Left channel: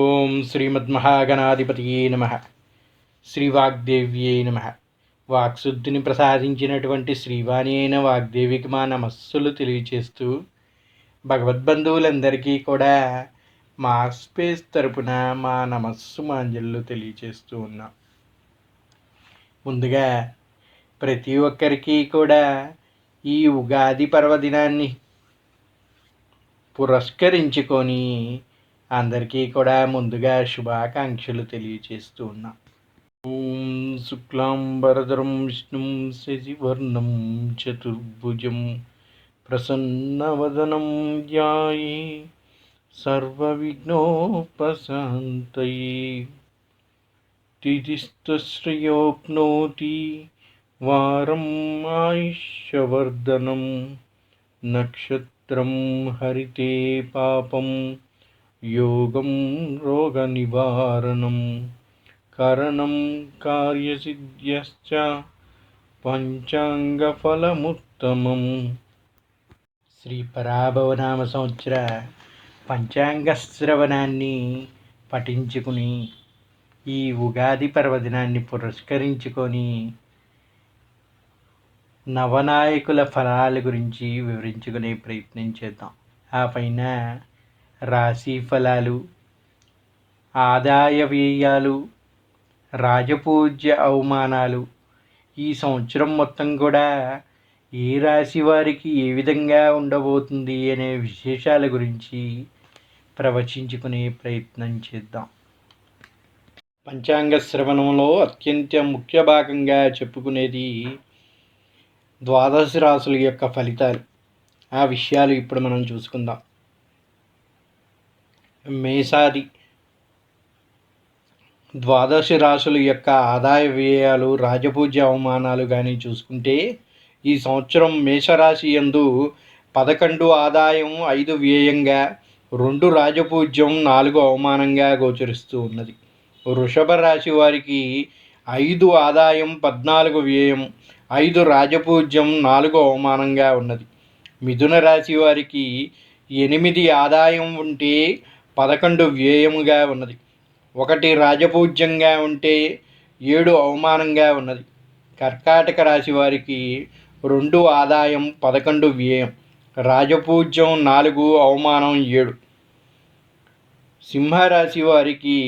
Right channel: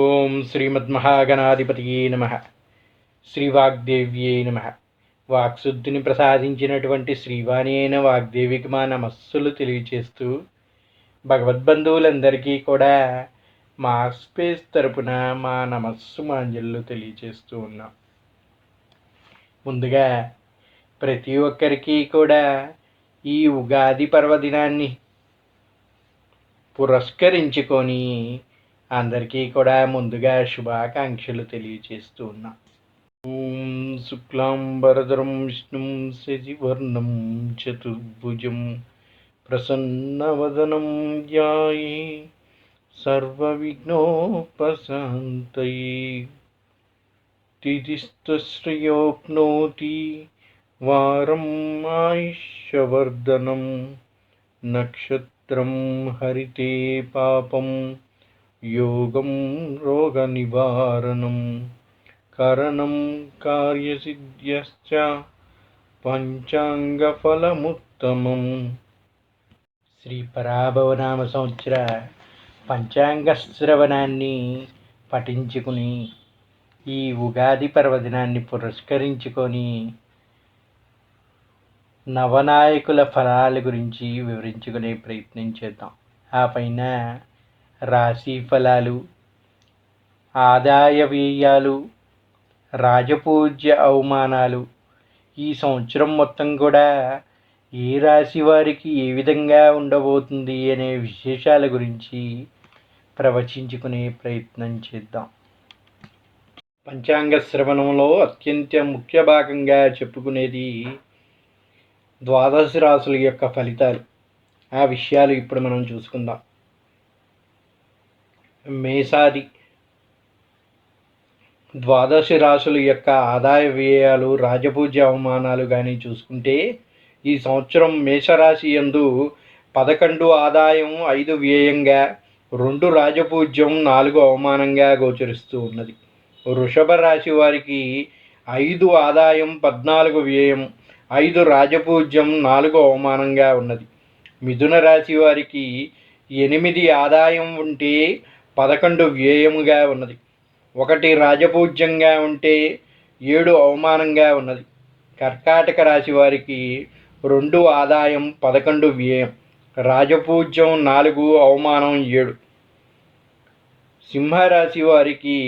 ఓం శ్రీమద్మహాగణాధిపతియే నమ. శ్రీవాగ్దేవ్యే నమ. వాక్శుద్ధిని ప్రసాదించినటువంటి శ్రీవాణి అయిన వాగ్దేవికి మా నమస్సులు తెలియచేస్తూ భగవద్బంధువులందరికీ కూడా మా స్పేస్ తరపున మా నమస్సు మాంజళ్ళు తెలియచేస్తూ ఉన్నాం. ముందుగా ప్రతి ఒక్కరికి కూడా ఈ ఉగాది పర్వదినాన్ని పురస్కరించుకొని అందరికీ కూడా ముందుగా శుభాకాంక్షలు తెలియచేస్తూ ఉన్నా. ఓం శుక్లాంబరధరం విష్ణుం శశివర్ణం చతుర్భుజం ప్రసన్నవదనం ధ్యాయే సర్వవిఘ్నోపశాంతయే. తిథిస్తశ్రయోప్నోతి వారం ఆయుష్యవర్ధనం నక్షత్రం హరితే పాపం యోగం రోగనివారణం కరణం కార్యసిద్ధ్యశ్చ పంచాంగఫలముత్తమం. శ్రీ పరాభవనామ సంవత్సర పంచాంగ శ్రవణాన్ని పఠించుకుని ఈ ఉగాది పర్వదినాన్ని పురస్కరించుకొని నవనాయకుల ఫలాల గురించి వివరించుకునే ప్రయత్నం చేద్దాం. ఆ పైన రాశి ఫలాలు, ఆదాయ వ్యయాలు, రాజపూజ్య అవమానాలు, ఈ సంవత్సరం మొత్తం కూడా ఏ రాశి వారికి ఏ విధంగా ఉండబోతుంది అనే విశేషాల గురించి ప్రవచించుకునే ప్రయత్నం చేద్దాం. పంచాంగ శ్రవణంలో అత్యంత ముఖ్య భాగంగా చెప్పుకునేది ద్వాదశ రాశుల యొక్క ఫలితాలు. ఆ విషయాలు ఇప్పుడు మనం చూసుకుందాం. మేషాది ద్వాదశ రాశుల యొక్క ఆదాయ వ్యయాలు, రాజపూజ్య అవమానాలు కానీ చూసుకుంటే ఈ సంవత్సరం మేషరాశి యందు 11 ఆదాయం, 5 వ్యయంగా, 2 రాజపూజ్యం, 4 అవమానంగా గోచరిస్తూ ఉన్నది. వృషభ రాశి వారికి 5 ఆదాయం, 14 వ్యయం, 5 రాజపూజ్యం, 4 అవమానంగా ఉన్నది. మిథున రాశి వారికి 8 ఆదాయం ఉంటే 11 వ్యయముగా ఉన్నది. 1 రాజపూజ్యంగా ఉంటే 7 అవమానంగా ఉన్నది. కర్కాటక రాశి వారికి 2 ఆదాయం, 11 వ్యయం, రాజపూజ్యం 4, అవమానం 7. సింహరాశి వారికి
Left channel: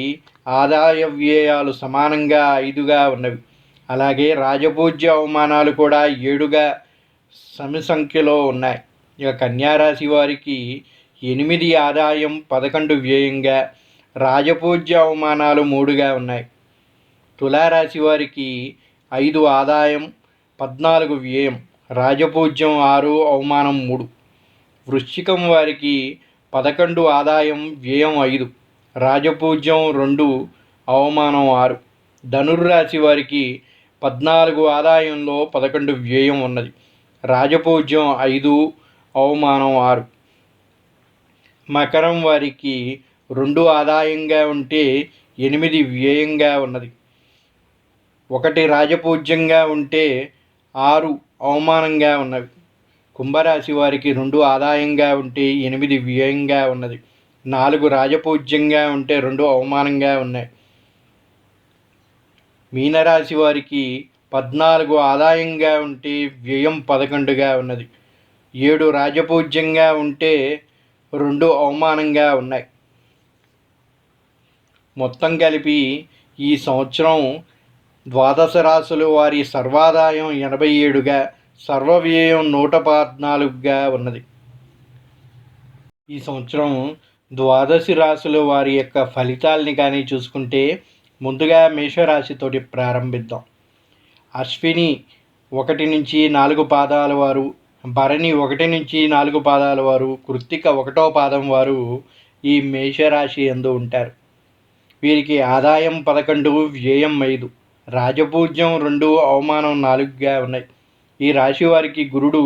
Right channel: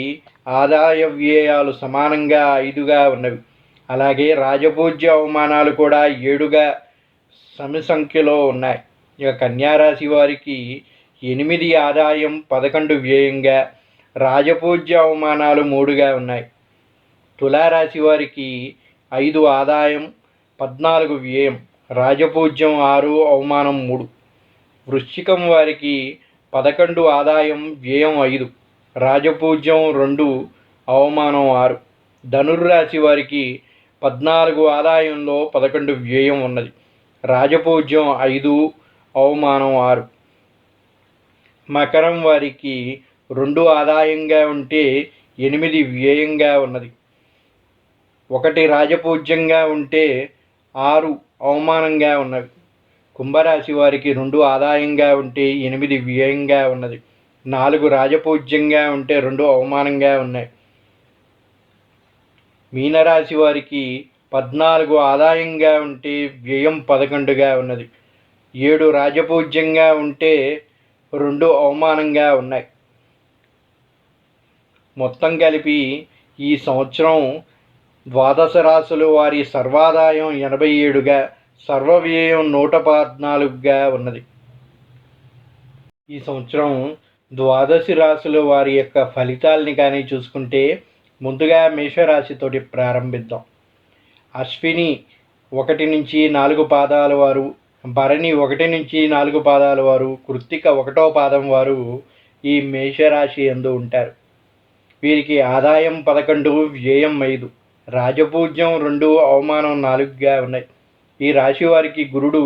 ఆదాయ వ్యయాలు సమానంగా 5గా ఉన్నవి. అలాగే రాజపూజ్య అవమానాలు కూడా 7గా సమ సంఖ్యలో ఉన్నాయి. ఇక కన్యారాశి వారికి 8 ఆదాయం, 11 వ్యయంగా, రాజపూజ్య అవమానాలు 3గా ఉన్నాయి. తులారాశి వారికి 5 ఆదాయం, 14 వ్యయం, రాజపూజ్యం 6, అవమానం 3. వృశ్చికం వారికి 11 ఆదాయం, వ్యయం 5, రాజపూజ్యం 2, అవమానం 6. ధనుర్రాశి వారికి 14 ఆదాయంలో 11 వ్యయం ఉన్నది. రాజపూజ్యం 5, అవమానం 6. మకరం వారికి 2 ఆదాయంగా ఉంటే 8 వ్యయంగా ఉన్నది. 1 రాజపూజ్యంగా ఉంటే 6 అవమానంగా ఉన్నవి. కుంభరాశి వారికి 2 ఆదాయంగా ఉంటే 8 వ్యయంగా ఉన్నది. 4 రాజపూజ్యంగా ఉంటే 2 అవమానంగా ఉన్నాయి. మీనరాశి వారికి 14 ఆదాయంగా ఉంటే వ్యయం 11గా ఉన్నది. 7 రాజపూజ్యంగా ఉంటే 2 అవమానంగా ఉన్నాయి. మొత్తం కలిపి ఈ సంవత్సరం ద్వాదశ రాశులు వారి సర్వాదాయం 87గా, సర్వవ్యయం 114గా ఉన్నది. ఈ సంవత్సరం ద్వాదశ రాశుల వారి యొక్క ఫలితాలని కానీ చూసుకుంటే ముందుగా మేషరాశితోటి ప్రారంభిద్దాం. అశ్విని 1 నుంచి 4 పాదాల వారు, భరణి 1 నుంచి 4 పాదాల వారు, కృత్తిక 1వ పాదం వారు ఈ మేషరాశి యందు ఉంటారు. వీరికి ఆదాయం 11, వ్యయం 5, రాజపూజ్యం 2, అవమానం 4గా ఉన్నాయి. ఈ రాశి వారికి గురుడు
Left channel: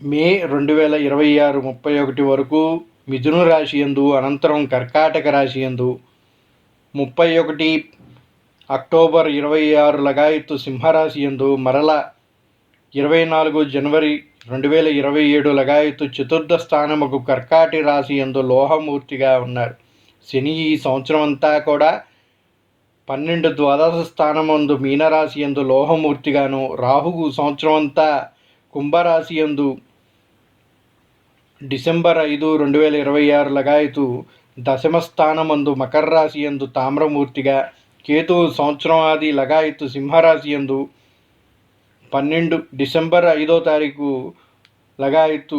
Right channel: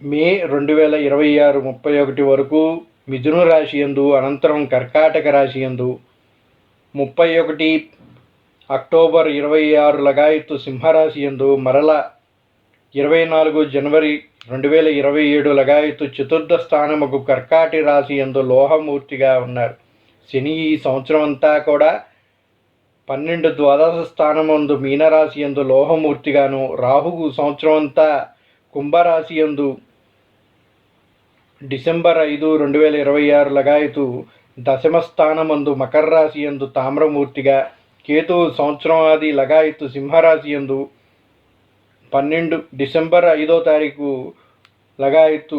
మే 2026 31 వరకు మిథున రాశి యందు, అనంతరం కర్కాటక రాశి యందు, 31 అక్టోబర్ 26 లగాయత్తు సింహరాశి యందు, మరల 24 జనవరి 2027 లగాయతు చతుర్థ స్థానముకు కర్కాటి రాశి యందు లోహమూర్తిగా ఉన్నారు. శని ఈ సంవత్సరం అంతా కూడా 12 ద్వాదశ స్థానమందు మీనరాశి యందు లోహమూర్తిగాను, రాహువు సంవత్సరం అంతా కుంభరాశి యందు డిసెంబర్ 5, 2026 లగాయతు దశమ స్థానమందు మకర రాశి యందు తామ్రమూర్తిగా, కేతువు సంవత్సరం ఆది లగాయతు సింహరాశి యందు 12 డిసెంబర్ 5వ తారీఖు లగాయతు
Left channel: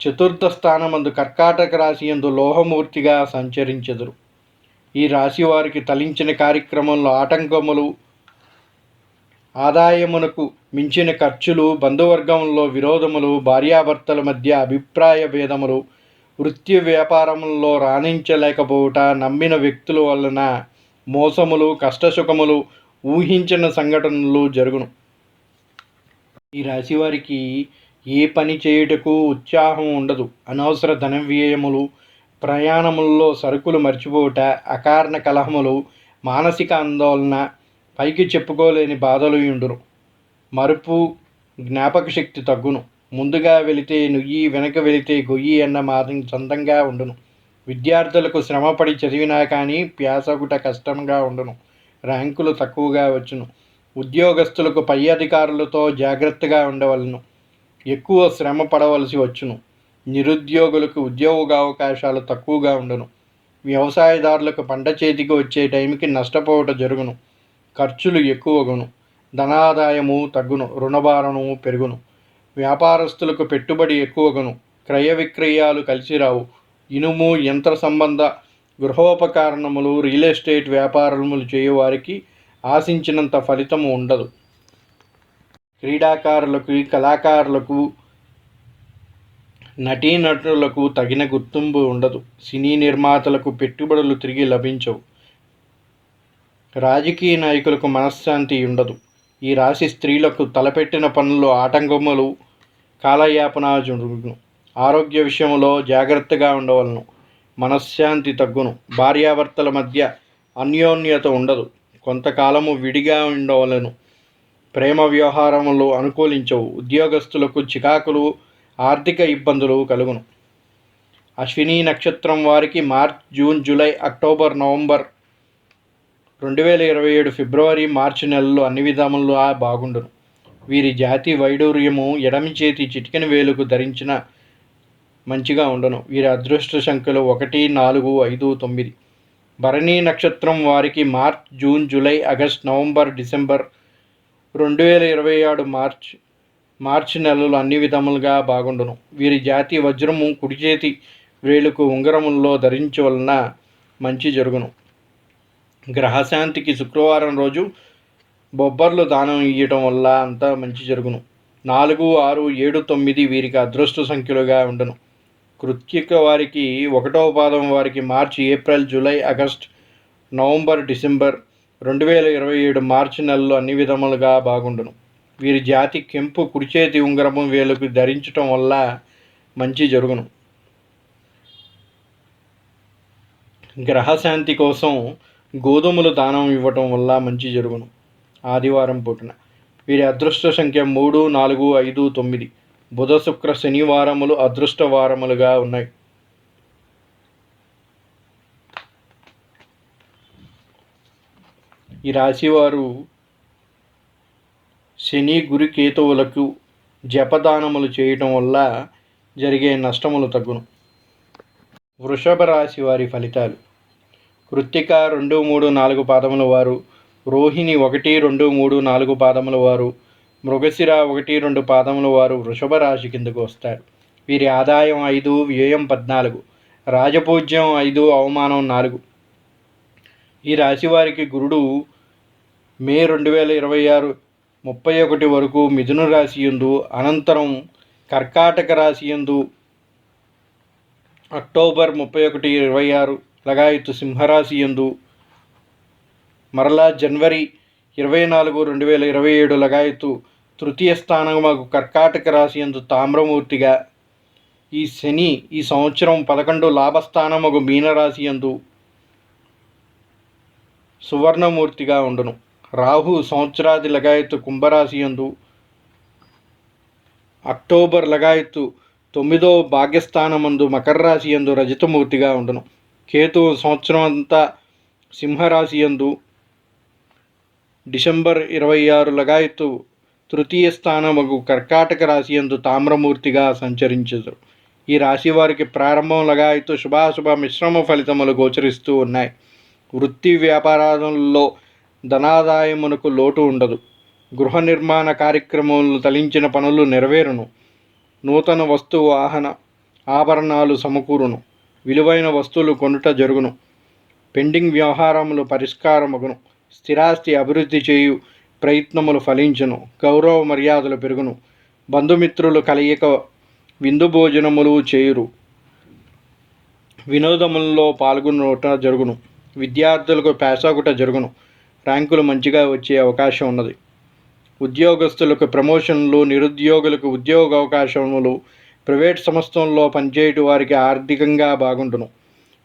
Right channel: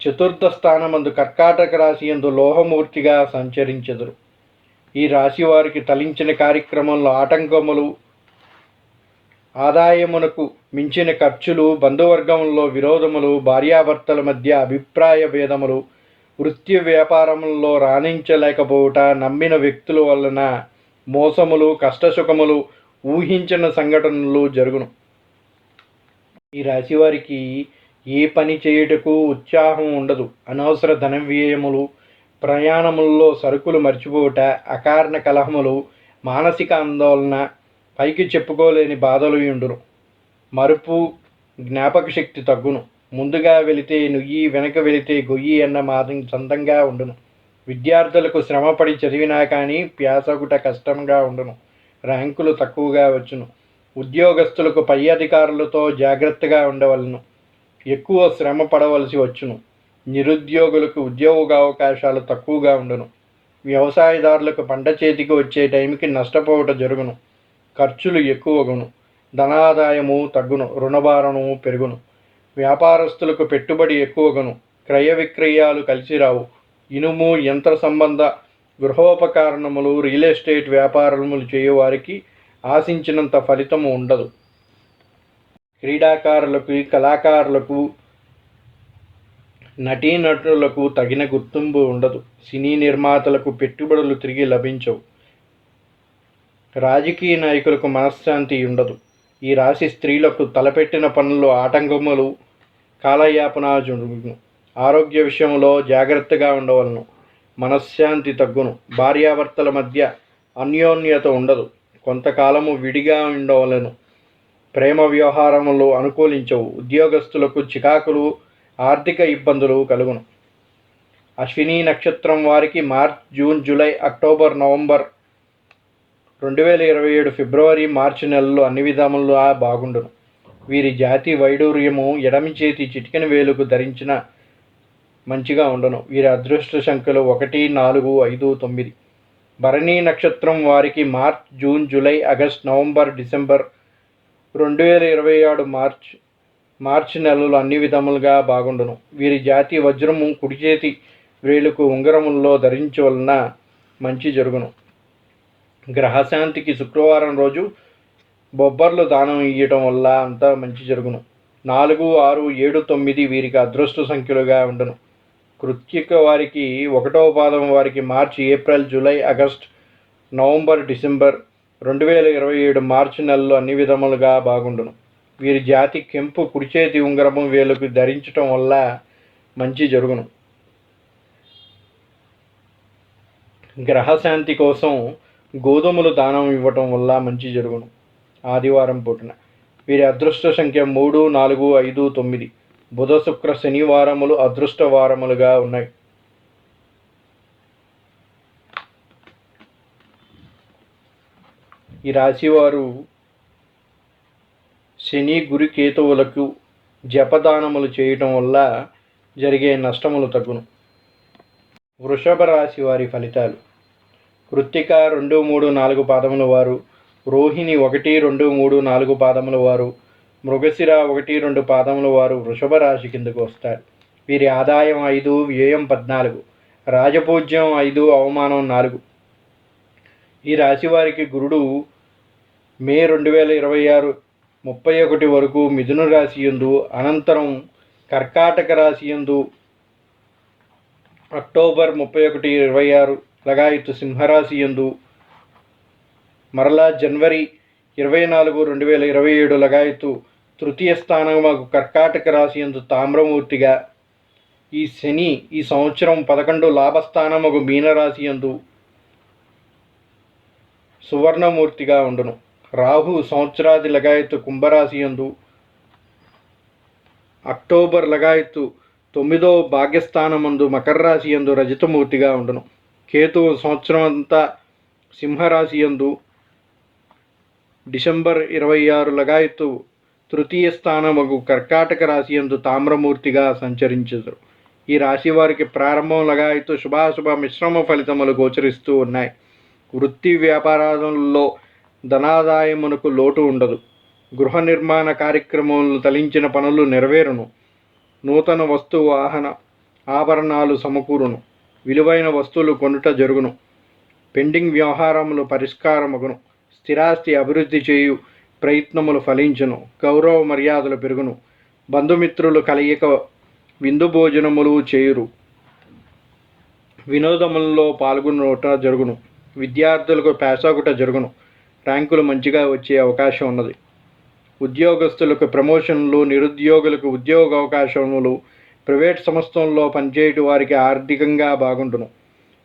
చతుర్థ స్థానమందు కర్కాటక రాశి యందు లోహమూర్తిగా సంచరించెదరు. ఈ రాశి వారికి తలించిన కార్యక్రమంలో ఆటంకములు, ఆదాయమునకు మించిన ఖర్చులు, బంధువర్గంలో విరోధములు, భార్యాభర్తల మధ్య అభిప్రాయ భేదములు, వృత్తి వ్యాపారములలో రాణించలేకపోవుట, నమ్మిన వ్యక్తుల వలన మోసములు, కష్టసుఖములు, ఊహించిన సంఘటనలు జరుగును. ఈ రాశి వారికి ఏ పని చేయుటకు ఉత్సాహం ఉండదు. అనవసర ధన వ్యయములు, ప్రయాణములలో సరుకులు మర్చిపోవుట, అకారణ కలహములు, మానసిక ఆందోళన, పైకి చెప్పుకోలేని బాధలు ఉండును. మరుపు, జ్ఞాపక శక్తి తగ్గును. ముందుగా వెళితే నుయ్యి, వెనక వెళితే గొయ్యి అన్న మాదిరి చందంగా ఉండును. విద్యార్థులకు శ్రమపడి చదివినా కానీ ప్యాసగుట కష్టంగా ఉండును. ర్యాంకులు తక్కువగా వచ్చును. ఉద్యోగస్తులకు పై అధికారులతో జాగ్రత్తగా ఉండవలను. ఎక్కువ శ్రమ పడవలసి వచ్చును. నిరుద్యోగులకు ఉద్యోగావకాశాలు తక్కువగా ఉండును. వ్యవసాయదారులకు పంట చేతికి వచ్చే టైంకి నష్టపోవట జరుగును. ఖర్చులు ఎక్కువగును. ధనాదాయము తగ్గును. రుణభారము పెరుగును. వ్యాపారస్తులకు పెట్టుబడి ఎక్కువగును. క్రయ విక్రయాలు కలిసి రావు. ఇనుము, యంత్ర సంబంధ గృహోపకరణములు, రియల్ ఎస్టేట్ వ్యాపారములు చేయువారికి ఆశించినంత ఫలితము ఉండదు. క్రీడాకారులకు, కళాకారులకు, నటీనటులకు తగిన గుర్తింపు ఉండదు. సినీ నిర్మాతలకు పెట్టుబడులు తిరిగి లభించవు. రాజకీయ నాయకులకు మనశ్శాంతి ఉండదు. ఈ రాశి స్త్రీలకు తలపెట్టిన పనుల్లో ఆటంకములు, కాలయాపన జరుగును. ఆరోగ్య విషయంలో జాగ్రత్తగా ఉండవలను. మనశ్శాంతి తగ్గును. భార్యాభర్తల మధ్య అన్యోన్యత ఉండదు. కొంతకాలము విడిగా ఉండవలను. ప్రేమ వ్యవహారములు అనుకూలించవు. ఉద్యోగస్తులకు చికాకులు, ఆర్థిక ఇబ్బందులు కలుగును. అశ్విని నక్షత్రం వారికి March, June, July, October, November 2027 ఫిబ్రవరి, మార్చి నెలలు అన్ని విధములుగా బాగుండును. వీరి జాతి వైడూర్యము ఎడమి చేతి చిటికెన వేలుకు ధరించిన మంచిగా ఉండను. వీరి అదృష్ట సంఖ్యలు 1, 4, 5, 9. భరణి నక్షత్రం వారికి March, June, July, August, November, December 2027 March నెలలు అన్ని విధములుగా బాగుండును. వీరి జాతి వజ్రము కుడి చేతి వేలుకు ఉంగరముల్లో ధరించవలన మంచి జరుగును. గ్రహశాంతికి శుక్రవారం రోజు బొబ్బర్లు దానం ఇవ్వటం వల్ల అంతా మంచి జరుగును. 4, 6, 7, 9 వీరికి అదృష్ట సంఖ్యలుగా ఉండును. కృత్తిక వారికి 1వ పాదం వారికి March, April, July, August, November, December 2027 March నెలలు అన్ని విధములుగా బాగుండును. వీరి జాతి కెంపు కుడి చేతి ఉంగరము వేలుకు ధరించటం వల్ల మంచి జరుగును. గ్రహశాంతి కోసం గోధుమలు దానం ఇవ్వటం వల్ల మంచి జరుగును. ఆదివారం పూటన వీరి అదృష్ట సంఖ్య 3, 4, 5, 9. బుధ, శుక్ర, శనివారములు అదృష్ట వారములుగా ఉన్నాయి. ఈ రాశివారు శని, గురు, కేతువులకు జపదానములు చేయటం వల్ల జరిగే నష్టములు తగ్గును. వృషభ రాశి వారి ఫలితాలు. కృత్తిక 2, 3, 4 పాదముల వారు, రోహిణి 1, 2, 3, 4 పాదముల వారు, మృగశిర 1, 2 పాదముల వారు వృషభ రాశి కిందకు వస్తారు. వీరి ఆదాయం 5, వ్యయం 14, రాజపూజ్యం 5, అవమానం 4. ఈ రాశి వారికి గురుడు మే 2026 31 వరకు మిథున రాశి యందు, అనంతరం కర్కాటక రాశి యందు, అక్టోబర్ 31, 26 లగాయతు సింహరాశి యందు, మరలా జనవరి 24, 2027 లగాయతు తృతీయ స్థానముకు కర్కాటక రాశి యందు తామ్రమూర్తిగా, ఈ శని ఈ సంవత్సరం 11 లాభస్థానముకు మీనరాశి యందు సువర్ణమూర్తిగా ఉండును. రాహు సంవత్సరాది లగాయతు కుంభరాశి యందు, అక్టోబర్ లగాయత్తు 9వ భాగ్యస్థానమందు మకర రాశి యందు రజతమూర్తిగా ఉండును. కేతువు సంవత్సరం అంతా సింహరాశి యందు డిసెంబర్ 26 లగాయత్తు తృతీయ స్థానమగు కర్కాటక రాశి యందు తామ్రమూర్తిగా సంచరించెదరు. ఈ రాశి వారికి ప్రారంభం లగాయత్తు శుభాశుభ మిశ్రమ ఫలితములు గోచరిస్తూ ఉన్నాయి. వృత్తి వ్యాపారాలలో ధనాదాయమునకు లోటు ఉండదు. గృహ నిర్మాణ కార్యక్రమములు తలించిన పనులు నెరవేరును. నూతన వస్తు వాహన ఆభరణాలు సమకూరును. విలువైన వస్తువులు కొనుట జరుగును. పెండింగ్ వ్యవహారములు పరిష్కారమగును. స్థిరాస్తి అభివృద్ధి చేయు ప్రయత్నములు ఫలించును. గౌరవ మర్యాదలు పెరుగును. బంధుమిత్రులు కలయిక విందు భోజనములు చేయురు. వినోదములలో పాల్గొనుట జరుగును. విద్యార్థులకు పేసాగుట జరుగును. ర్యాంకులు మంచిగా వచ్చే అవకాశం ఉన్నది. ఉద్యోగస్తులకు ప్రమోషన్లు, నిరుద్యోగులకు ఉద్యోగ అవకాశములు, ప్రైవేట్ సంస్థల్లో పనిచేయటి వారికి ఆర్థికంగా బాగుండును.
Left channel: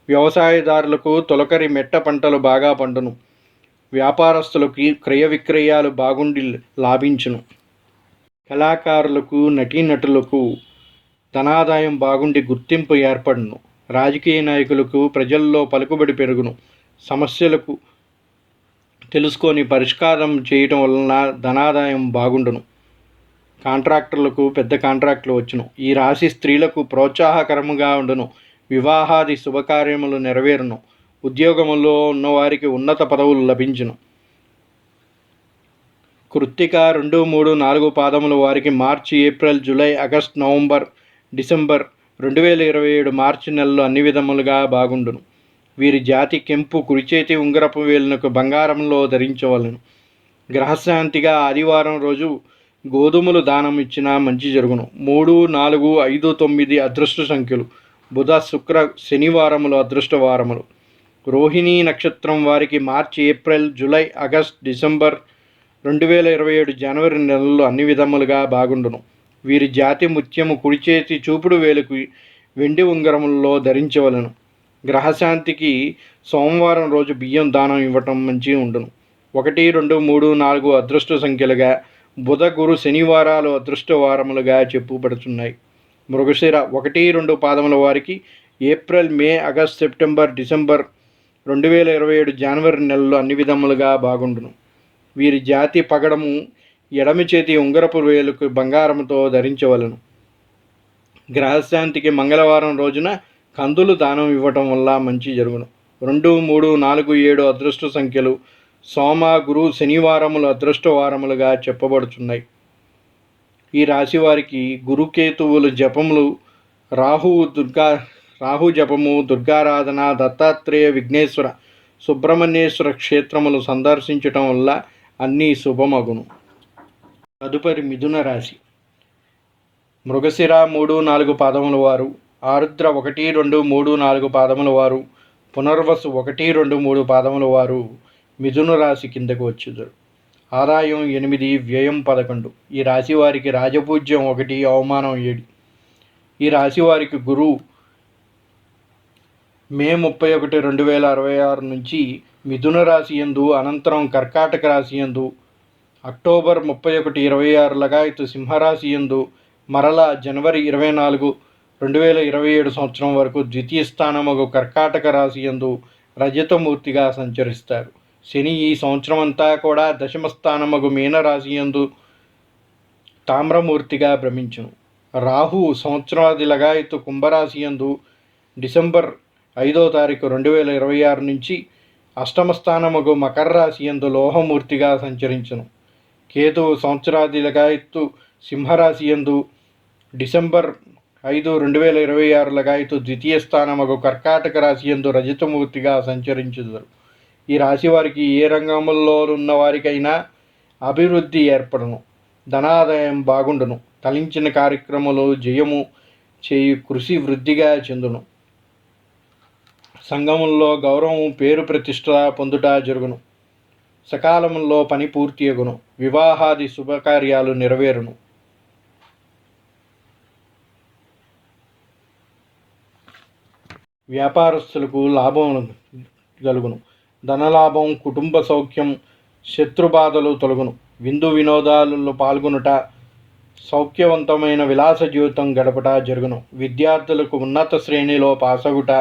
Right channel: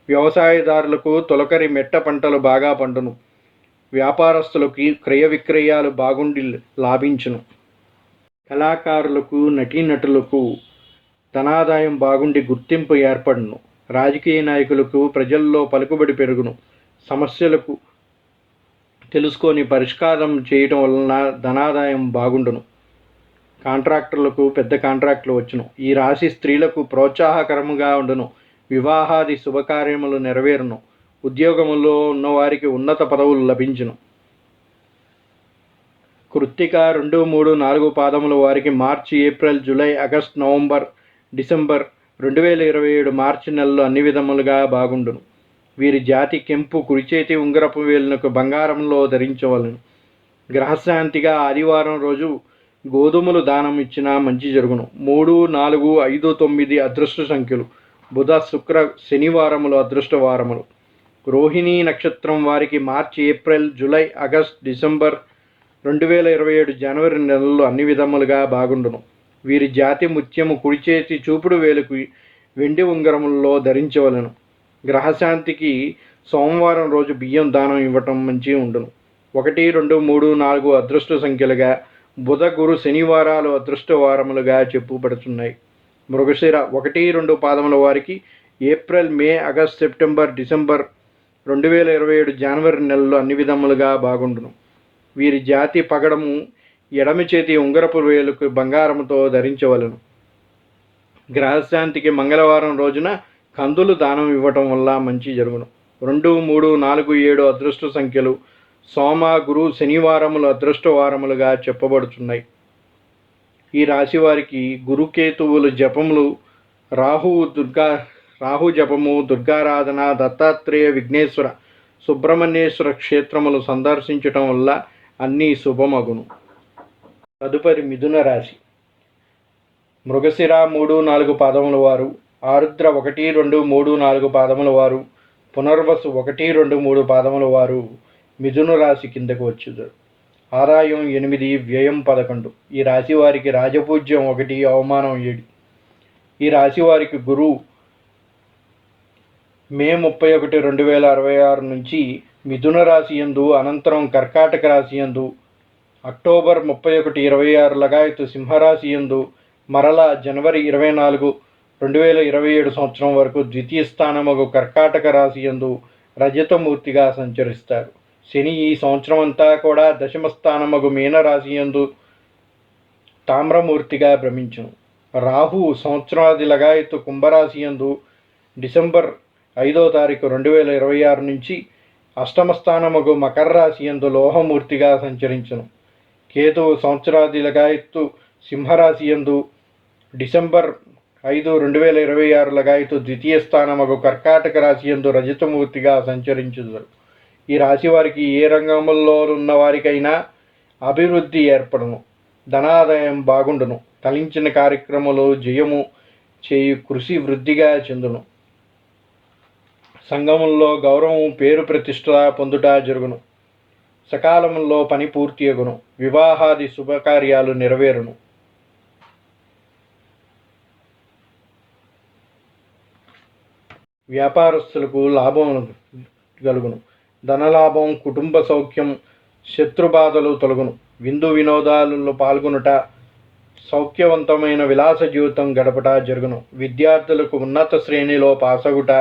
వ్యవసాయదారులకు తొలకరి మెట్ట పంటలు బాగా పండును. వ్యాపారస్తులకి క్రయ విక్రయాలు బాగుండి లాభించును. కళాకారులకు, నటీనటులకు ధనాదాయం బాగుండి గుర్తింపు ఏర్పడును. రాజకీయ నాయకులకు ప్రజల్లో పలుకుబడి పెరుగును. సమస్యలకు తెలుసుకొని పరిష్కారం చేయటం వలన ధనాదాయం బాగుండును. కాంట్రాక్టర్లకు పెద్ద కాంట్రాక్టులు వచ్చును. ఈ రాశి స్త్రీలకు ప్రోత్సాహకరముగా ఉండును. వివాహాది శుభకార్యములు నెరవేరును. ఉద్యోగములో ఉన్నవారికి ఉన్నత పదవులు లభించును. కృత్తిక 2, 3, 4 పాదముల వారికి March, April, July, August, November, December 2027 March నెలలో అన్ని విధములుగా బాగుండును. వీరి జాతి కెంపు కుడిచేతి ఉంగరపు వేలునకు బంగారంలో ధరించవలను. గ్రహశాంతిగా ఆదివారం రోజు గోధుమలు దానం ఇచ్చినా మంచి జరుగును. 3, 4, 5, 9 అదృష్ట సంఖ్యలు. బుధ, శుక్ర, శనివారములు అదృష్ట వారములు. రోహిణీ నక్షత్రం వారికి March, April, July, August, December 2027 జనవరి నెలల్లో అన్ని విధములుగా బాగుండును. వీరి జాతి ముత్యము కుడిచేతి చూపుడు వేలుకు వెండి ఉంగరములలో ధరించవలను. గ్రహశాంతికి సోమవారం రోజు బియ్యం దానం ఇవ్వటం మంచి ఉండును. 1, 2, 3, 4 అదృష్ట సంఖ్యలుగా, బుధ, గురు, శనివారాలు అదృష్ట వారములుగా చెప్పుబడుతున్నాయి. మృగశిర 1, 2 పాదముల వారికి ఏప్రిల్, మే, ఆగస్ట్, సెప్టెంబర్, డిసెంబర్ 2027 జనవరి నెలలో అన్ని విధములుగా బాగుండును. వీరి జాతి పగడము ఎడమ చేతి ఉంగరపు వేలుకు బంగారముతో ధరించవలను. గ్రహశాంతికి మంగళవారం రోజున కందులు దానం ఇవ్వటం వల్ల మంచి జరుగును. 2, 3, 4, 7 అదృష్ట సంఖ్యలు. సోమ, గురు, శనివారములు అదృష్ట వారములుగా చెప్పబడుతున్నాయి. ఈ రాశి వారికి గురుకేతువులు జపములు, రాహు జపము, దుర్గారాధన, దత్తాత్రేయ, విఘ్నేశ్వర, సుబ్రహ్మణ్యేశ్వర క్షేత్రములు సందర్శించటం వల్ల అన్నీ శుభమగును. తదుపరి మిథున రాశి. మృగశిర 3, 4 పాదముల వారు, ఆరుద్ర 1, 2, 3, 4 పాదముల వారు, పునర్వసు 1, 2, 3 పాదముల వారు మిథున రాశి కిందకు వచ్చుదురు. ఆదాయం 8, వ్యయం 11. ఈ రాశి వారికి రాజపూజ్యం 1, అవమానం 7. ఈ రాశి వారికి గురువు మే 31, 2026 నుంచి మిథున రాశి యందు, అనంతరం కర్కాటక రాశి యందు, అక్టోబర్ 31, 26 లగాయతు సింహరాశి యందు, మరల జనవరి 24, 2027 సంవత్సరం వరకు ద్వితీయ స్థానమగు కర్కాటక రాశి యందు రజతమూర్తిగా సంచరిస్తారు. శని ఈ సంవత్సరం అంతా కూడా దశమ స్థానమగు మీనరాశి యందు తామ్రమూర్తిగా భ్రమించును. రాహు సంవత్సరాది లగాయతు కుంభరాశి యందు డిసెంబర్ 5వ తారీఖు 2026 నుంచి అష్టమ స్థానమగు మకర రాశి యందు లోహమూర్తిగా సంచరించును. కేతువు సంవత్సరాది లగాయత్తు సింహరాశి యందు డిసెంబర్ 5, 2026 లగాయతు ద్వితీయ స్థానమగు కర్కాటక రాశి యందు రజతమూర్తిగా సంచరించుదురు. ఈ రాశి వారికి ఏ రంగంలో ఉన్న వారికైనా అభివృద్ధి ఏర్పడును. ధనాదాయం బాగుండును. తలించిన కార్యక్రమాలు జయము చేయు కృషి వృద్ధిగా చెందును. సంఘముల్లో గౌరవం, పేరు ప్రతిష్ట పొందుట జరుగును. సకాలంలో పని పూర్తి అగును. వివాహాది శుభకార్యాలు నెరవేరును. వ్యాపారస్తులకు లాభం కలుగును. ధనలాభం, కుటుంబ సౌఖ్యం, శత్రుబాధలు తొలగును. విందు వినోదాలలో పాల్గొనుట, సౌఖ్యవంతమైన విలాస జీవితం గడపట జరుగును. విద్యార్థులకు ఉన్నత శ్రేణిలో పాసగుట,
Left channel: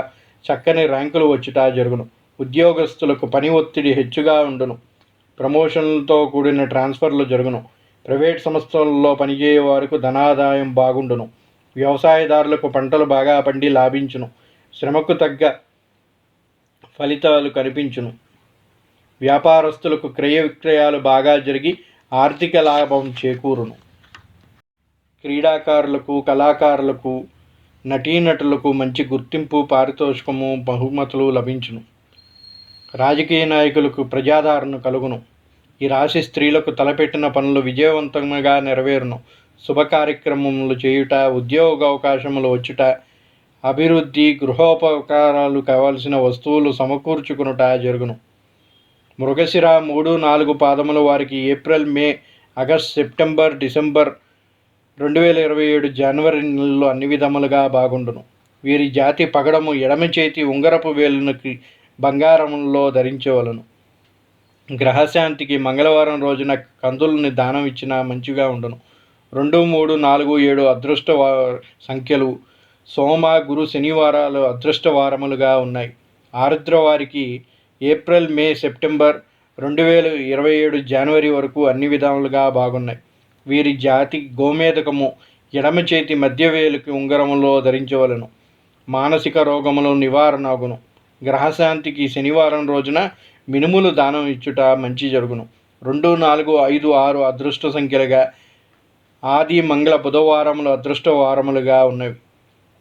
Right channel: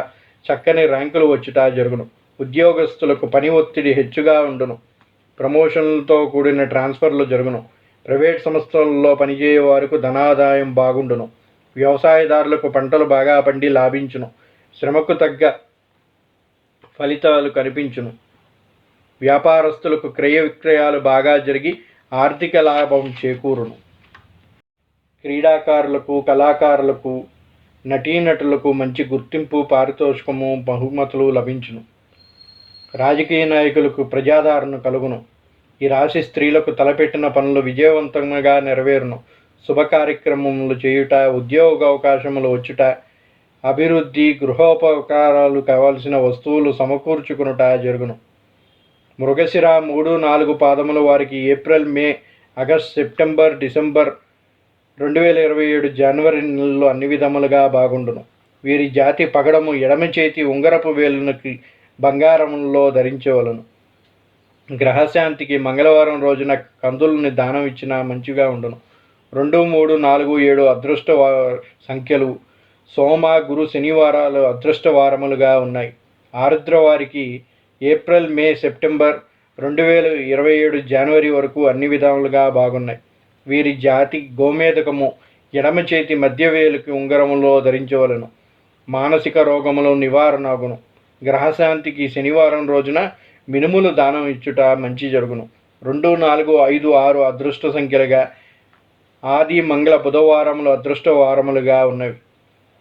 చక్కని ర్యాంకులు వచ్చుట జరుగును. ఉద్యోగస్తులకు పని ఒత్తిడి హెచ్చుగా ఉండును. ప్రమోషన్లతో కూడిన ట్రాన్స్ఫర్లు జరుగును. ప్రైవేట్ సంస్థల్లో పనిచేయే వారికి ధనాదాయం బాగుండును. వ్యవసాయదారులకు పంటలు బాగా పండి లాభించును. శ్రమకు తగ్గ ఫలితాలు కనిపించును. వ్యాపారస్తులకు క్రయ విక్రయాలు బాగా జరిగి ఆర్థిక లాభం చేకూరును. క్రీడాకారులకు, కళాకారులకు, నటీనటులకు మంచి గుర్తింపు, పారితోషికము, బహుమతులు లభించును. రాజకీయ నాయకులకు ప్రజాదరణ కలుగును. ఈ రాశి స్త్రీలకు తలపెట్టిన పనులు విజయవంతంగా నెరవేరును. శుభ కార్యక్రమములు చేయుట, ఉద్యోగ అవకాశములు వచ్చుట, అభివృద్ధి, గృహోపకారాలు కావలసిన వస్తువులు సమకూర్చుకునుట జరుగును. మృగశిర 3-4 పాదముల వారికి ఏప్రిల్, మే, ఆగస్ట్, సెప్టెంబర్, డిసెంబర్ 2027 జనవరి నెలలో అన్ని విధములుగా బాగుండును. వీరి జాతి పగడము ఎడమ చేతి ఉంగరపు వేలునకి బంగారంలో ధరించవలను. గ్రహశాంతికి మంగళవారం రోజున కందులని దానం ఇచ్చినా మంచిగా ఉండును. 2, 3, 4, 7 అదృష్ట సంఖ్యలు. సోమ, గురు, శనివారాలు అదృష్ట వారములుగా ఉన్నాయి. ఆరుద్ర వారికి ఏప్రిల్, మే, సెప్టెంబర్ 2027 జనవరి వరకు అన్ని విధాలుగా బాగున్నాయి. వీరి జాతి గోమేధకము ఎడమ చేతి మధ్య వేలుకి ఉంగరములో ధరించవలను. మానసిక రోగములు నివారణగును. గ్రహశాంతికి శనివారం రోజున మినుములు దానం ఇచ్చుట మంచి జరుగును. 2, 4, 5, 6 అదృష్ట సంఖ్యలుగా, ఆది, మంగళ, బుధవారములు అదృష్ట వారములుగా ఉన్నవి.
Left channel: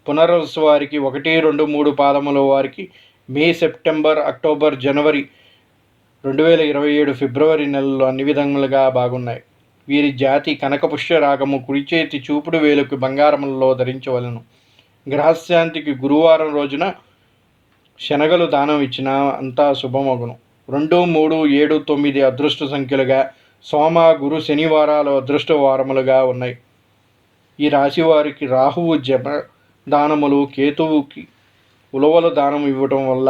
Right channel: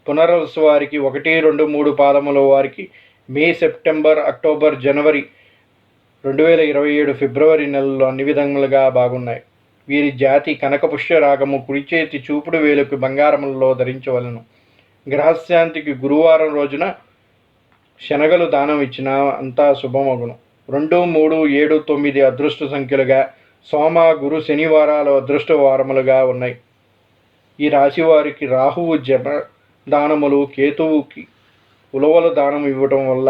పునర్వసు వారికి 1, 2, 3 పాదముల వారికి మే, సెప్టెంబర్, అక్టోబర్, జనవరి 2027 ఫిబ్రవరి నెలల్లో అన్ని విధములుగా బాగున్నాయి. వీరి జాతి కనకపుష్య రాగము కుడి చేతి చూపుడు వేలుకు బంగారములలో ధరించవలను. గ్రహశాంతికి గురువారం రోజున శనగలు దానం ఇచ్చినా అంతా శుభమగును. 2, 3, 7, 9 అదృష్ట సంఖ్యలుగా, సోమ, గురు, శనివారాలు అదృష్ట వారములుగా ఉన్నాయి. ఈ రాశి వారికి రాహువు జప దానములు, కేతువుకి ఉలవలు దానం ఇవ్వటం వల్ల,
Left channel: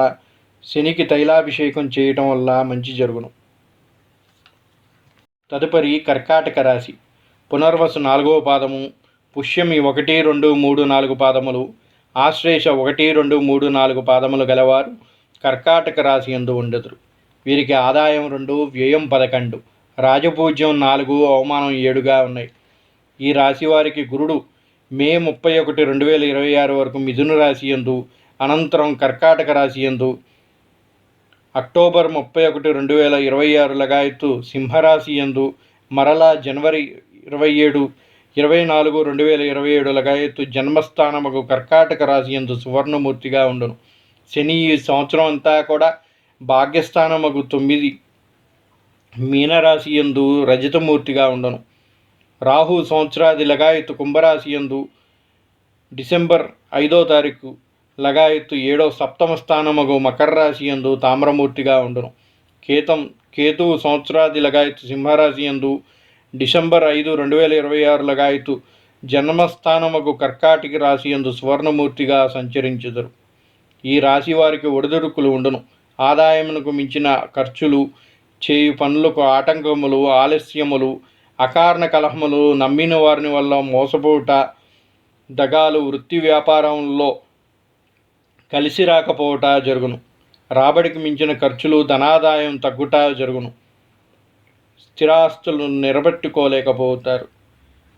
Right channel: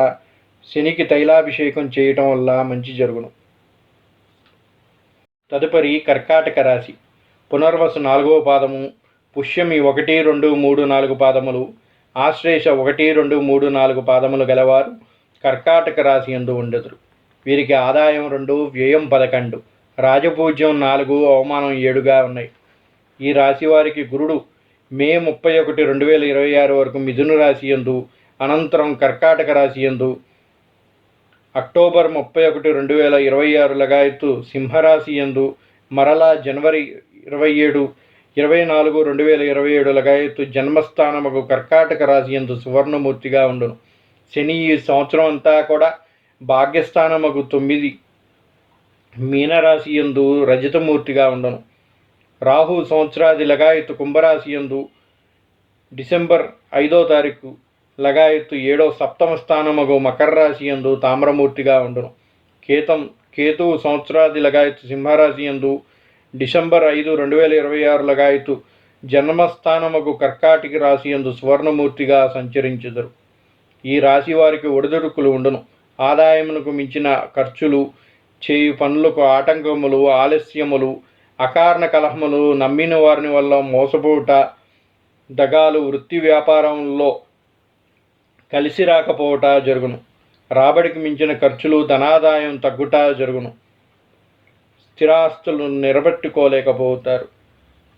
శనికి తైలాభిషేకం చేయటం వల్ల మంచి జరుగును. తదుపరి కర్కాటక రాశి. పునర్వసు 4వ పాదము, పుష్యమి 1, 2, 3, 4 పాదములు, ఆశ్లేష 1, 2, 3, 4 పాదములు గలవారు కర్కాటక రాశి యందు ఉండదురు. వీరికి ఆదాయం 2, వ్యయం 11, రాజపూజ్యం 4, అవమానం 7గా ఉన్నాయి. ఈ రాశి వారికి గురుడు మే 31, 2026 వరకు మిథున రాశి యందు, అనంతరం కర్కాటక రాశి యందు, అక్టోబర్ 31, 2026 లగాయత్తు సింహరాశి యందు, మరలా జనవరి 27, 24, 2027 లగాయత్తు జన్మస్థానముకు కర్కాటక రాశి యందు సువర్ణమూర్తిగా ఉండును. శని ఈ సంవత్సరం అంతా కూడా భాగ్యస్థానముకు 9 మీనరాశి యందు రజతమూర్తిగా ఉండను. రాహు సంవత్సరాది లగాయత్తు కుంభరాశి యందు డిసెంబర్ 5వ తారీఖు లగాయత్తు 7వ సప్తమ స్థానముగు మకర రాశి యందు తామ్రమూర్తిగా ఉండును. కేతువు సంవత్సరాది లగాయత్తు సింహరాశి యందు డిసెంబర్ 5, 2026 లగాయత్తు జన్మస్థానముగు కర్కాటక రాశి యందు సువర్ణమూర్తిగా సంచరించుదురు. ఈ రాశి వారికి ఒడిదుడుకులు ఉండును. ఆదాయమునకు మించిన ఖర్చులు, చేయు పనులకు ఆటంకములు, ఆలస్యములు, అకారణ కలహములు, నమ్మిన వారిని వల్ల మోసపోవుట, దగాలు, వృత్తి వ్యాపారంలో కలిసి రాకపోవట జరుగును. రాబడికి మించిన ఖర్చులు, ధనాదాయం తగ్గుట జరుగును. స్థిరాస్తులు నిలబెట్టుకోలేకపోతారు.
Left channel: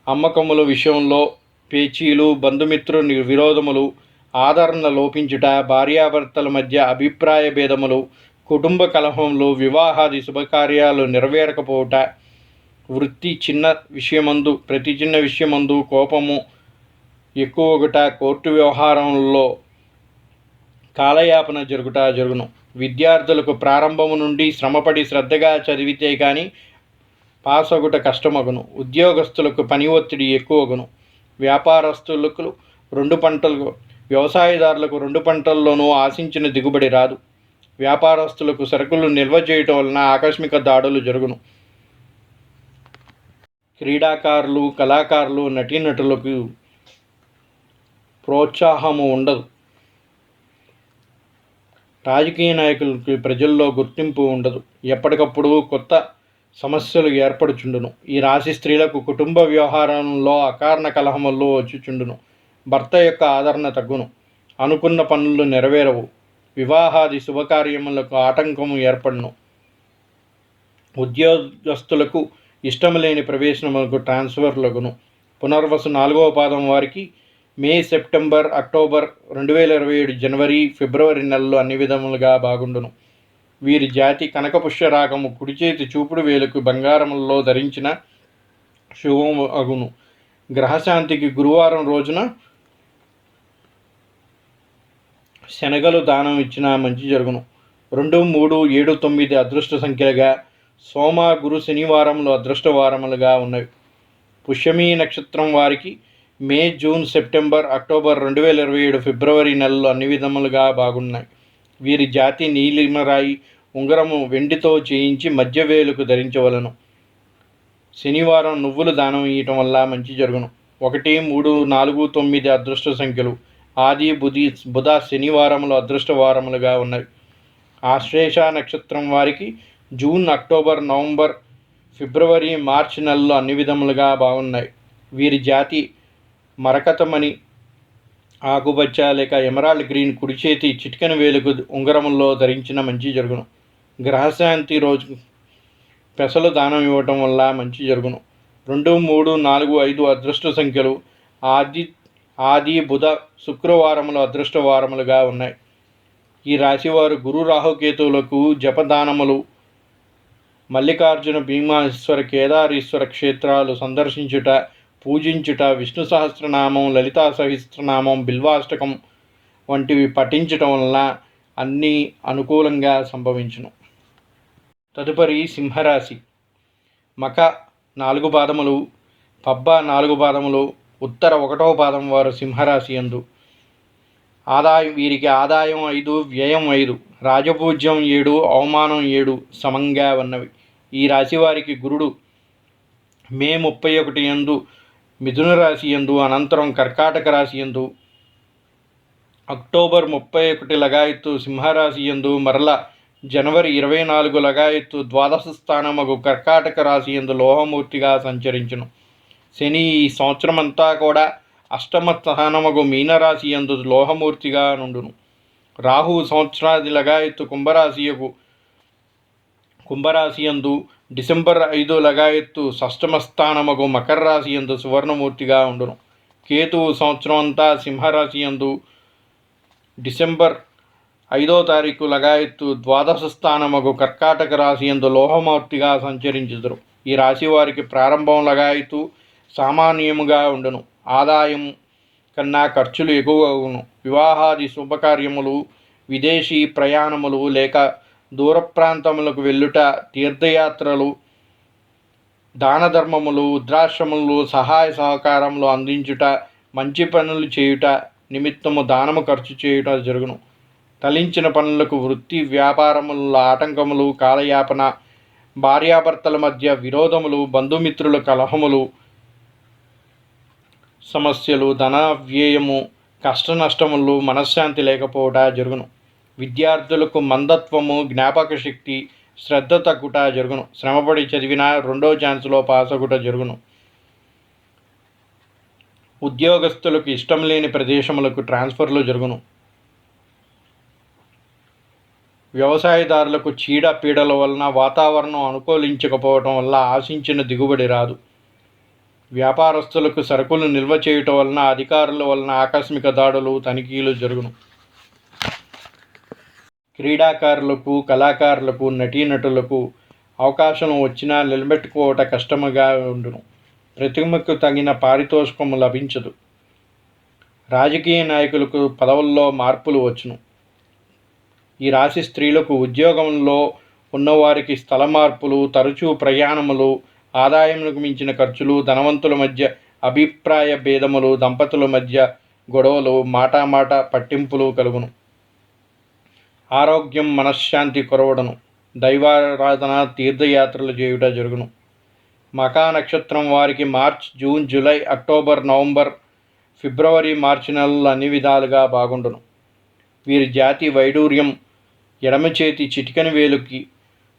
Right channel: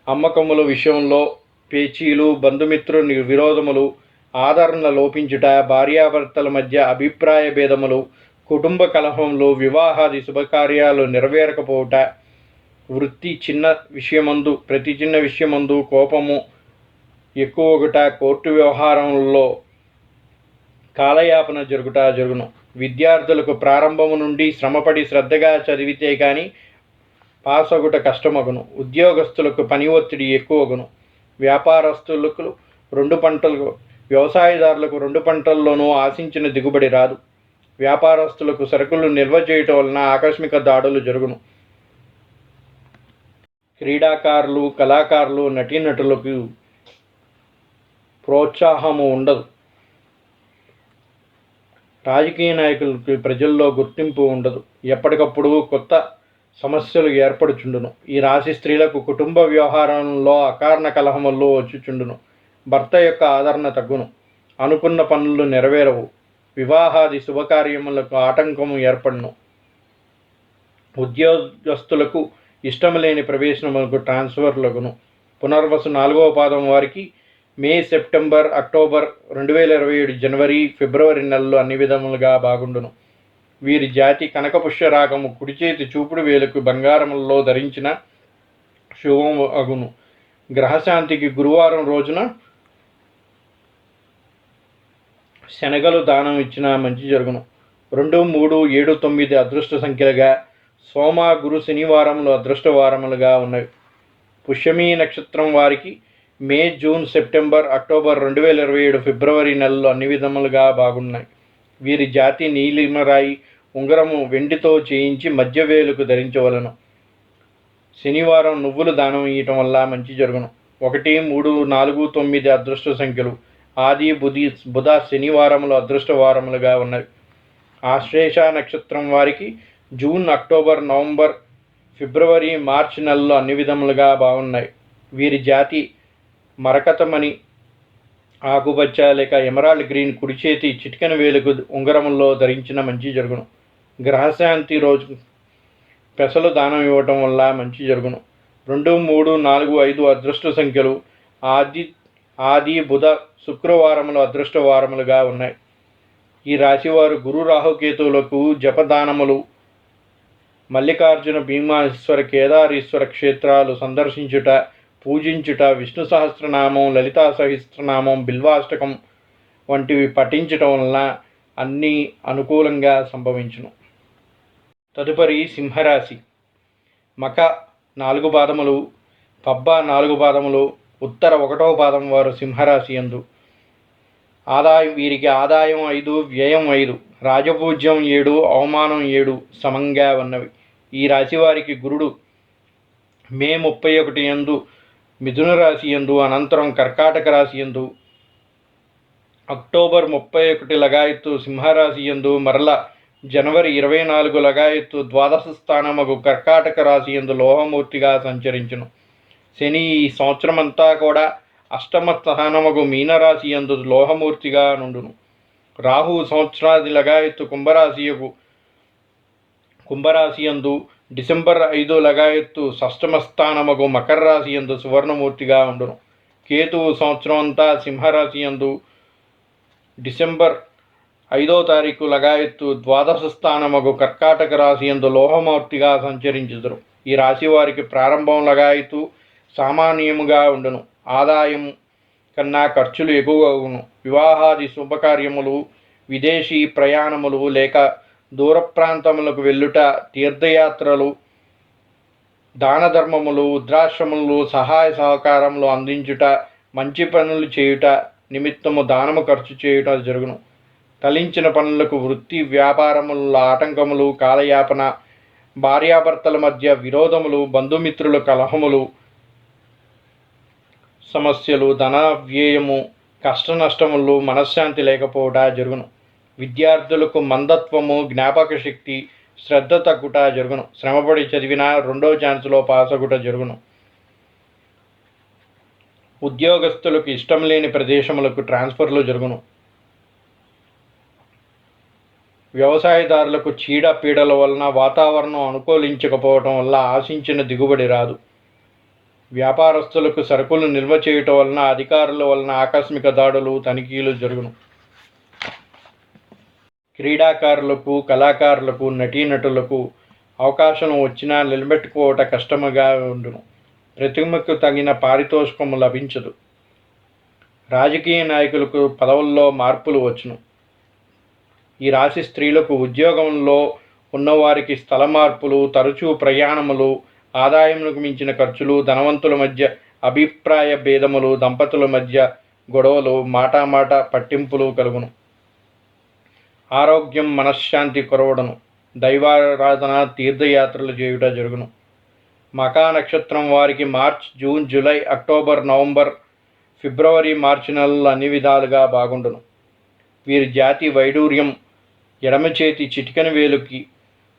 అమ్మకముల విషయంలో పేచీలు, బంధుమిత్రు విరోధములు, ఆదరణ లోపించుట, భార్యాభర్తల మధ్య అభిప్రాయ భేదములు, కుటుంబ కలహములు, వివాహాది శుభకార్యాలు నెరవేరకపోవుట, వృత్తి ప్రతి చిన్న విషయమందు కోపము ఎక్కువగుట, కోర్టు వ్యవహారంలో కాలయాపన జరుగును. విద్యార్థులకు ప్రారంభము నుండి శ్రమపడి శ్రద్ధగా చదివితే కానీ పాసగుట కష్టమగును. ఉద్యోగస్తులకు పని ఒత్తిడి ఎక్కువగును. వ్యాపారస్తులకు 2 పంటలు, వ్యవసాయదారులకు 2 పంటల్లోనూ ఆశించిన దిగుబడి రాదు. వ్యాపారస్తులకు సరుకులు నిల్వ చేయటం వలన ఆకస్మిక దాడులు జరుగును. క్రీడాకారులు, కళాకారులు, నటీనటులకు ప్రోత్సాహము ఉండదు. రాజకీయ నాయకులకి ప్రజల్లో గుర్తింపు ఉండదు. ఎప్పటికప్పుడు కొత్త సమస్యలు ఏర్పడుచుండును. ఈ రాశి స్త్రీలకు కుటుంబ వ్యవహారంలో అకారణ కలహములు వచ్చుచుండును. భర్త యొక్క ఆదరణ తగ్గును. అనుకున్న పనులు నెరవేరవు. వివాహాది శుభకార్యములకు ఆటంకము ఏర్పడును. ఉద్యోగస్తులకు ఇష్టం లేని ప్రవేశములకు ట్రాన్స్ఫర్లగును. పునర్వసు 4వ పాదం వారికి మే, సెప్టెంబర్, అక్టోబర్, 2027 జనవరి, ఫిబ్రవరి నెలలు అన్ని విధములుగా బాగుండును. వీరి జాతి కనకపుష్య రాగము కుడి చేతి చూపుడు వేలుకు బంగారములలో ధరించిన శుభము అగును. గ్రహశాంతికి గురువారం రోజున శనగలు దానం ఇచ్చిన మంచి జరుగును. 2, 3, 7, 9 అదృష్ట సంఖ్యలుగా, సోమ, గురు, శనివారములు అదృష్ట వారములుగా ఉన్నవి. పుష్యమి నక్షత్రం వారికి మే, జూన్, సెప్టెంబర్, అక్టోబర్, 2027 ఫిబ్రవరి నెలలు అన్ని విధములుగా బాగున్నాయి. వీరి జాతి నీలిమరాయి ఉంగరము వెండితో చేయించి మధ్య వేలుకు ధరించవలను. శనివారం నువ్వులు దానం ఇవ్వటం వల్ల మంచి జరుగును. 1, 3, 4, 9 అదృష్ట సంఖ్యలు. ఆది, బుధ, శనివారములు అదృష్ట వారములుగా ఉన్నవి. ఆశ్లేష నక్షత్రం వారికి June, October, November, February, March నెలలు అన్ని విధములుగా బాగున్నాయి. వీరి జాతి మరకతమణి ఆకుపచ్చ లేక ఎమరాల్డ్ గ్రీన్ కుడి చేతి చిటికెన వేలుకు ఉంగరముల్లో ధరించిన మంచి జరుగును. గ్రహశాంతి రోజు పెసలు దానం ఇవ్వటం వల్ల మంచి జరుగును. 2, 3, 4, 5 అదృష్ట సంఖ్యలు. ఆది, బుధ, శుక్రవారములు అదృష్ట వారములుగా ఉన్నాయి. ఈ రాశివారు గురు, రాహుకేతువులకు జపదానములు, మల్లికార్జున, భీమేశ్వర, కేదారేశ్వర క్షేత్రాలు సందర్శించుట, పూజించుట, విష్ణు సహస్రనామం, లలితా సహస్రనామం, బిల్వాష్టకం వంటివి పఠించటం వలన అన్నీ అనుకూలంగా సంభవించును. తదుపరి సింహరాశి. మక 4 పాదములు, పబ్బ 4 పాదములు, ఉత్తర 1వ పాదం వారు సింహరాశి యందు. వీరికి ఆదాయం 5, వ్యయం 5, రాజపూజ్యం 7, అవమానం 7 సమంగా ఉన్నవి. ఈ రాశి వారికి గురుడు మే 31 యందు మిథున రాశి యందు, అనంతరం కర్కాటక రాశి యందు, అక్టోబర్ 31 లగాయత్తు సింహరాశి యందు, మరల జనవరి 24 లగాయత్తు ద్వాదశ స్థానమగు కర్కాటక రాశి యందు లోహమూర్తిగా సంచరించును. శని ఈ సంవత్సరమంతా కూడా అష్టమ స్థానమగు మీనరాశి యందు లోహమూర్తిగా నుండును. రాహు సంవత్సరాది లగాయత్తు కుంభరాశి యందు, డిసెంబర్ 5 లగాయత్తు షష్టమ స్థానమగు మకర రాశి యందు సువర్ణమూర్తిగా ఉండును. కేతువు సంవత్సరం అంతా సింహరాశి యందు, డిసెంబర్ 5వ తారీఖు లగాయత్తు ద్వాదశ స్థానమగు కర్కాటక రాశి యందు లోహమూర్తిగా సంచరించుదురు. ఈ రాశి వారికి ప్రారంభం లగాయత్తు సామాన్యముగా ఉండును. ఆదాయం కన్నా ఖర్చులు ఎక్కువగును. వివాహాది శుభకార్యములు, విదేశీ ప్రయాణములు లేక దూర ప్రాంతములకు వెళ్ళుట, తీర్థయాత్రలు, దాన ధర్మములు, వృద్ధాశ్రమములు, సహాయ సహకారములు అందించుట, మంచి పనులు చేయుట నిమిత్తము దానము ఖర్చు చేయుట జరుగును. తలించిన పనులకు వృత్తి వ్యాపారముల ఆటంకములు, కాలయాపన, భార్యాభర్తల మధ్య విరోధములు, బంధుమిత్రుల కలహములు, సమస్యలు, ధన వ్యయము, కష్ట నష్టములు, మనశ్శాంతి లేకపోవట జరుగును. విద్యార్థులకు మందత్వము, జ్ఞాపక శక్తి, శ్రద్ధ తగ్గుట జరుగును. శ్రమపడి చదివిన 2వ ఛాన్స్లో పాస్ అగుట జరుగును. ఉద్యోగస్తులకు ఇష్టం లేని ప్రదేశములకు ట్రాన్స్ఫర్లు జరుగును. వ్యవసాయదారులకు చీడ పీడల వలన వాతావరణం అనుకూలించకపోవటం వల్ల ఆశించిన దిగుబడి రాదు. వ్యాపారస్తులకు సరుకులు నిల్వ చేయటం వలన అధికారుల వలన ఆకస్మిక దాడులు, తనిఖీలు జరుగును. క్రీడాకారులకు, కళాకారులకు, నటీనటులకు అవకాశం వచ్చినా నిలబెట్టుకోవట కష్టముగా ఉండును. ప్రతిమకు తగిన పారితోషికము లభించదు. రాజకీయ నాయకులకు పదవుల్లో మార్పులు వచ్చును. ఈ రాశి స్త్రీలకు ఉద్యోగంలో ఉన్నవారికి స్థల మార్పులు, తరచూ ప్రయాణములు, ఆదాయములకు మించిన ఖర్చులు, ధనవంతుల మధ్య అభిప్రాయ భేదములు, దంపతుల మధ్య గొడవలు, మాటామాట పట్టింపులు కలుగును. ఆరోగ్యం, మనశ్శాంతి కొరవడను. దైవారాధన, తీర్థయాత్రలు చేయుట జరుగును. మకా నక్షత్రం వారికి March, June, July, October, November, February, March నెలలు అన్ని విధాలుగా బాగుండును. వీరి జాతి వైడూర్యం ఎడమ చేతి చిటికెన వేలుకి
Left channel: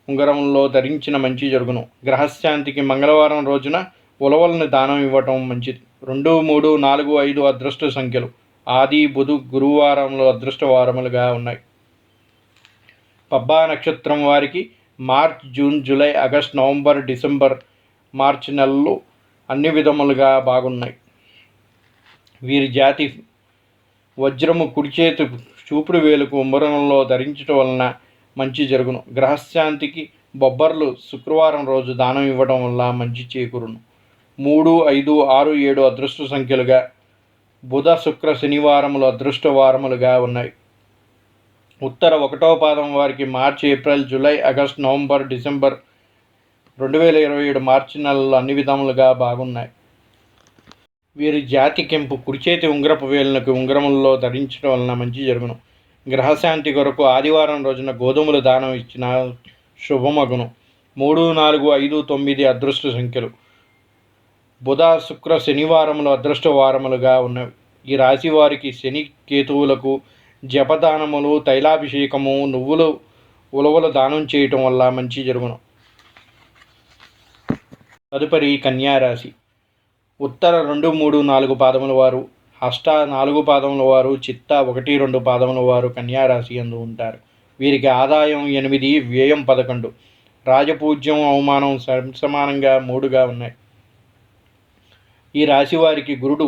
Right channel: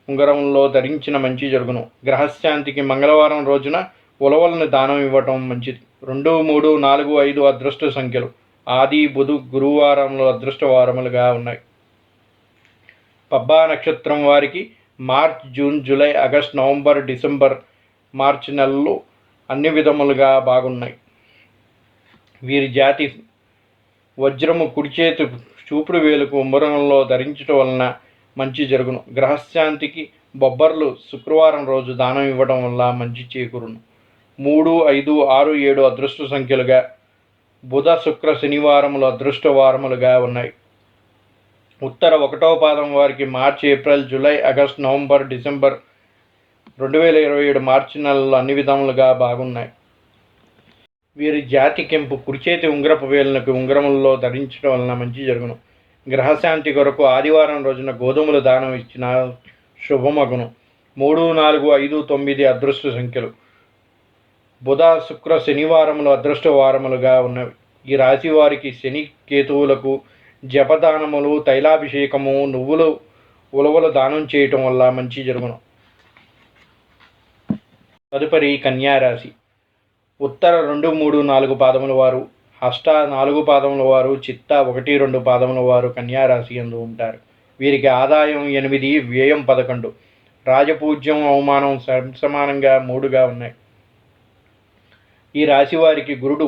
ఉంగరంలో ధరించిన మంచి జరుగును. గ్రహశాంతికి మంగళవారం రోజున ఉలవలను దానం ఇవ్వటం మంచిది. 2, 3, 4, 5 అదృష్ట సంఖ్యలు. ఆది, బుధ, గురువారంలో అదృష్ట వారములుగా ఉన్నాయి. పబ్బా నక్షత్రం వారికి March, June, July, August, November, December, March నెలలు అన్ని విధములుగా బాగున్నాయి. వీరి జాతి వజ్రము కుడి చేతి చూపుడు వేలుకు ఉంగరంలో ధరించడం వలన మంచి జరుగును. గ్రహశాంతికి బొబ్బర్లు శుక్రవారం రోజు దానం ఇవ్వడం వల్ల మంచి చేకూరును. 3, 5, 6, 7 అదృష్ట సంఖ్యలుగా. బుధ, శుక్ర, శనివారములు అదృష్ట వారములుగా ఉన్నాయి. ఉత్తర 1వ పాదం వారికి March, April, July, August, November, December 2027 March నెలలు అన్ని విధములుగా బాగున్నాయి. వీరి జాతి కెంపు కుడిచేతి ఉంగరపు వేలునకు ఉంగరములలో ధరించడం వలన మంచి జరుగును. గ్రహశాంతి కొరకు ఆదివారం రోజున గోధుమలు దానం ఇచ్చిన శుభమగును. 3, 4, 5, 9 అదృష్ట సంఖ్యలు. బుధ, శుక్ర, శనివారములు అదృష్ట వారములుగా ఉన్నవి. ఈ రాశి వారికి శని, కేతువులకు జపదానములు, తైలాభిషేకము, నువ్వులు, ఉలవలు దానం చేయటం వల్ల మంచి జరుగును. తదుపరి కన్యారాశి. ఉత్తర 2, 3, 4 పాదముల వారు, హస్త 4 పాదముల వారు, చిత్త 1, 2 పాదముల వారు కన్యారాశి యందు ఉంటారు. వీరికి ఆదాయం 8, వ్యయం 11, రాజపూజ్యం, అవమానం సమానంగా 3గా ఉన్నాయి. ఈ రాశి వారికి గురుడు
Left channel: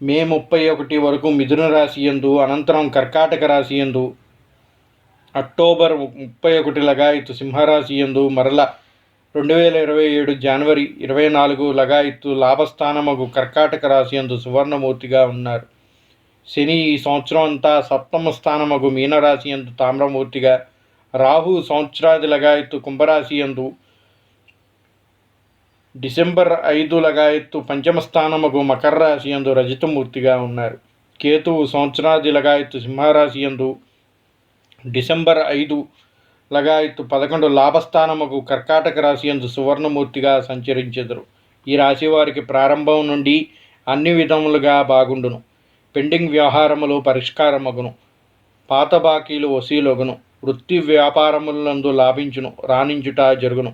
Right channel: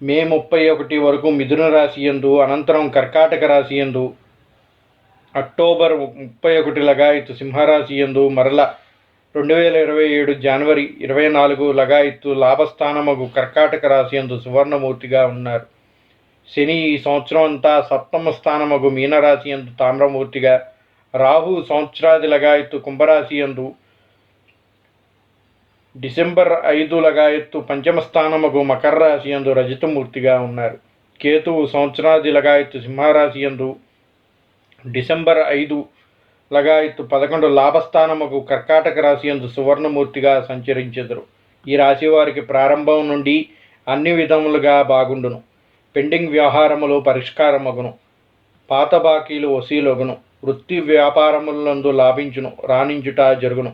మే 31 వరకు మిథున రాశి యందు, అనంతరం కర్కాటక రాశి యందు, అక్టోబర్ 31 లగాయత్తు సింహరాశి యందు, మరల 2027 జనవరి 24 లగాయత్తు లాభస్థానమగు కర్కాటక రాశి యందు సువర్ణమూర్తిగా ఉన్నారు. శని ఈ సంవత్సరం అంతా సప్తమ స్థానమగు మీనరాశి యందు తామ్రమూర్తిగా, రాహు సంవత్సరాది లగాయత్తు కుంభరాశి యందు, డిసెంబర్ 5 లగాయత్తు పంచమ స్థానమగు మకర రాశి యందు రజతమూర్తిగా ఉన్నారు. కేతువు సంవత్సరాది లగాయత్తు సింహరాశి యందు, డిసెంబర్ 5 లగాయత్తు 11 లాభస్థానముకు కర్కాటక రాశి యందు సువర్ణమూర్తిగా సంచరించెదరు. ఈ రాశి వారికి ప్రారంభం నుండి అన్ని విధములుగా బాగుండును. పెండింగ్ వ్యవహారములు పరిష్కారమగును. పాత బాకీలు వసూలగును. వృత్తి వ్యాపారములందు లాభించును, రాణించుట జరుగును.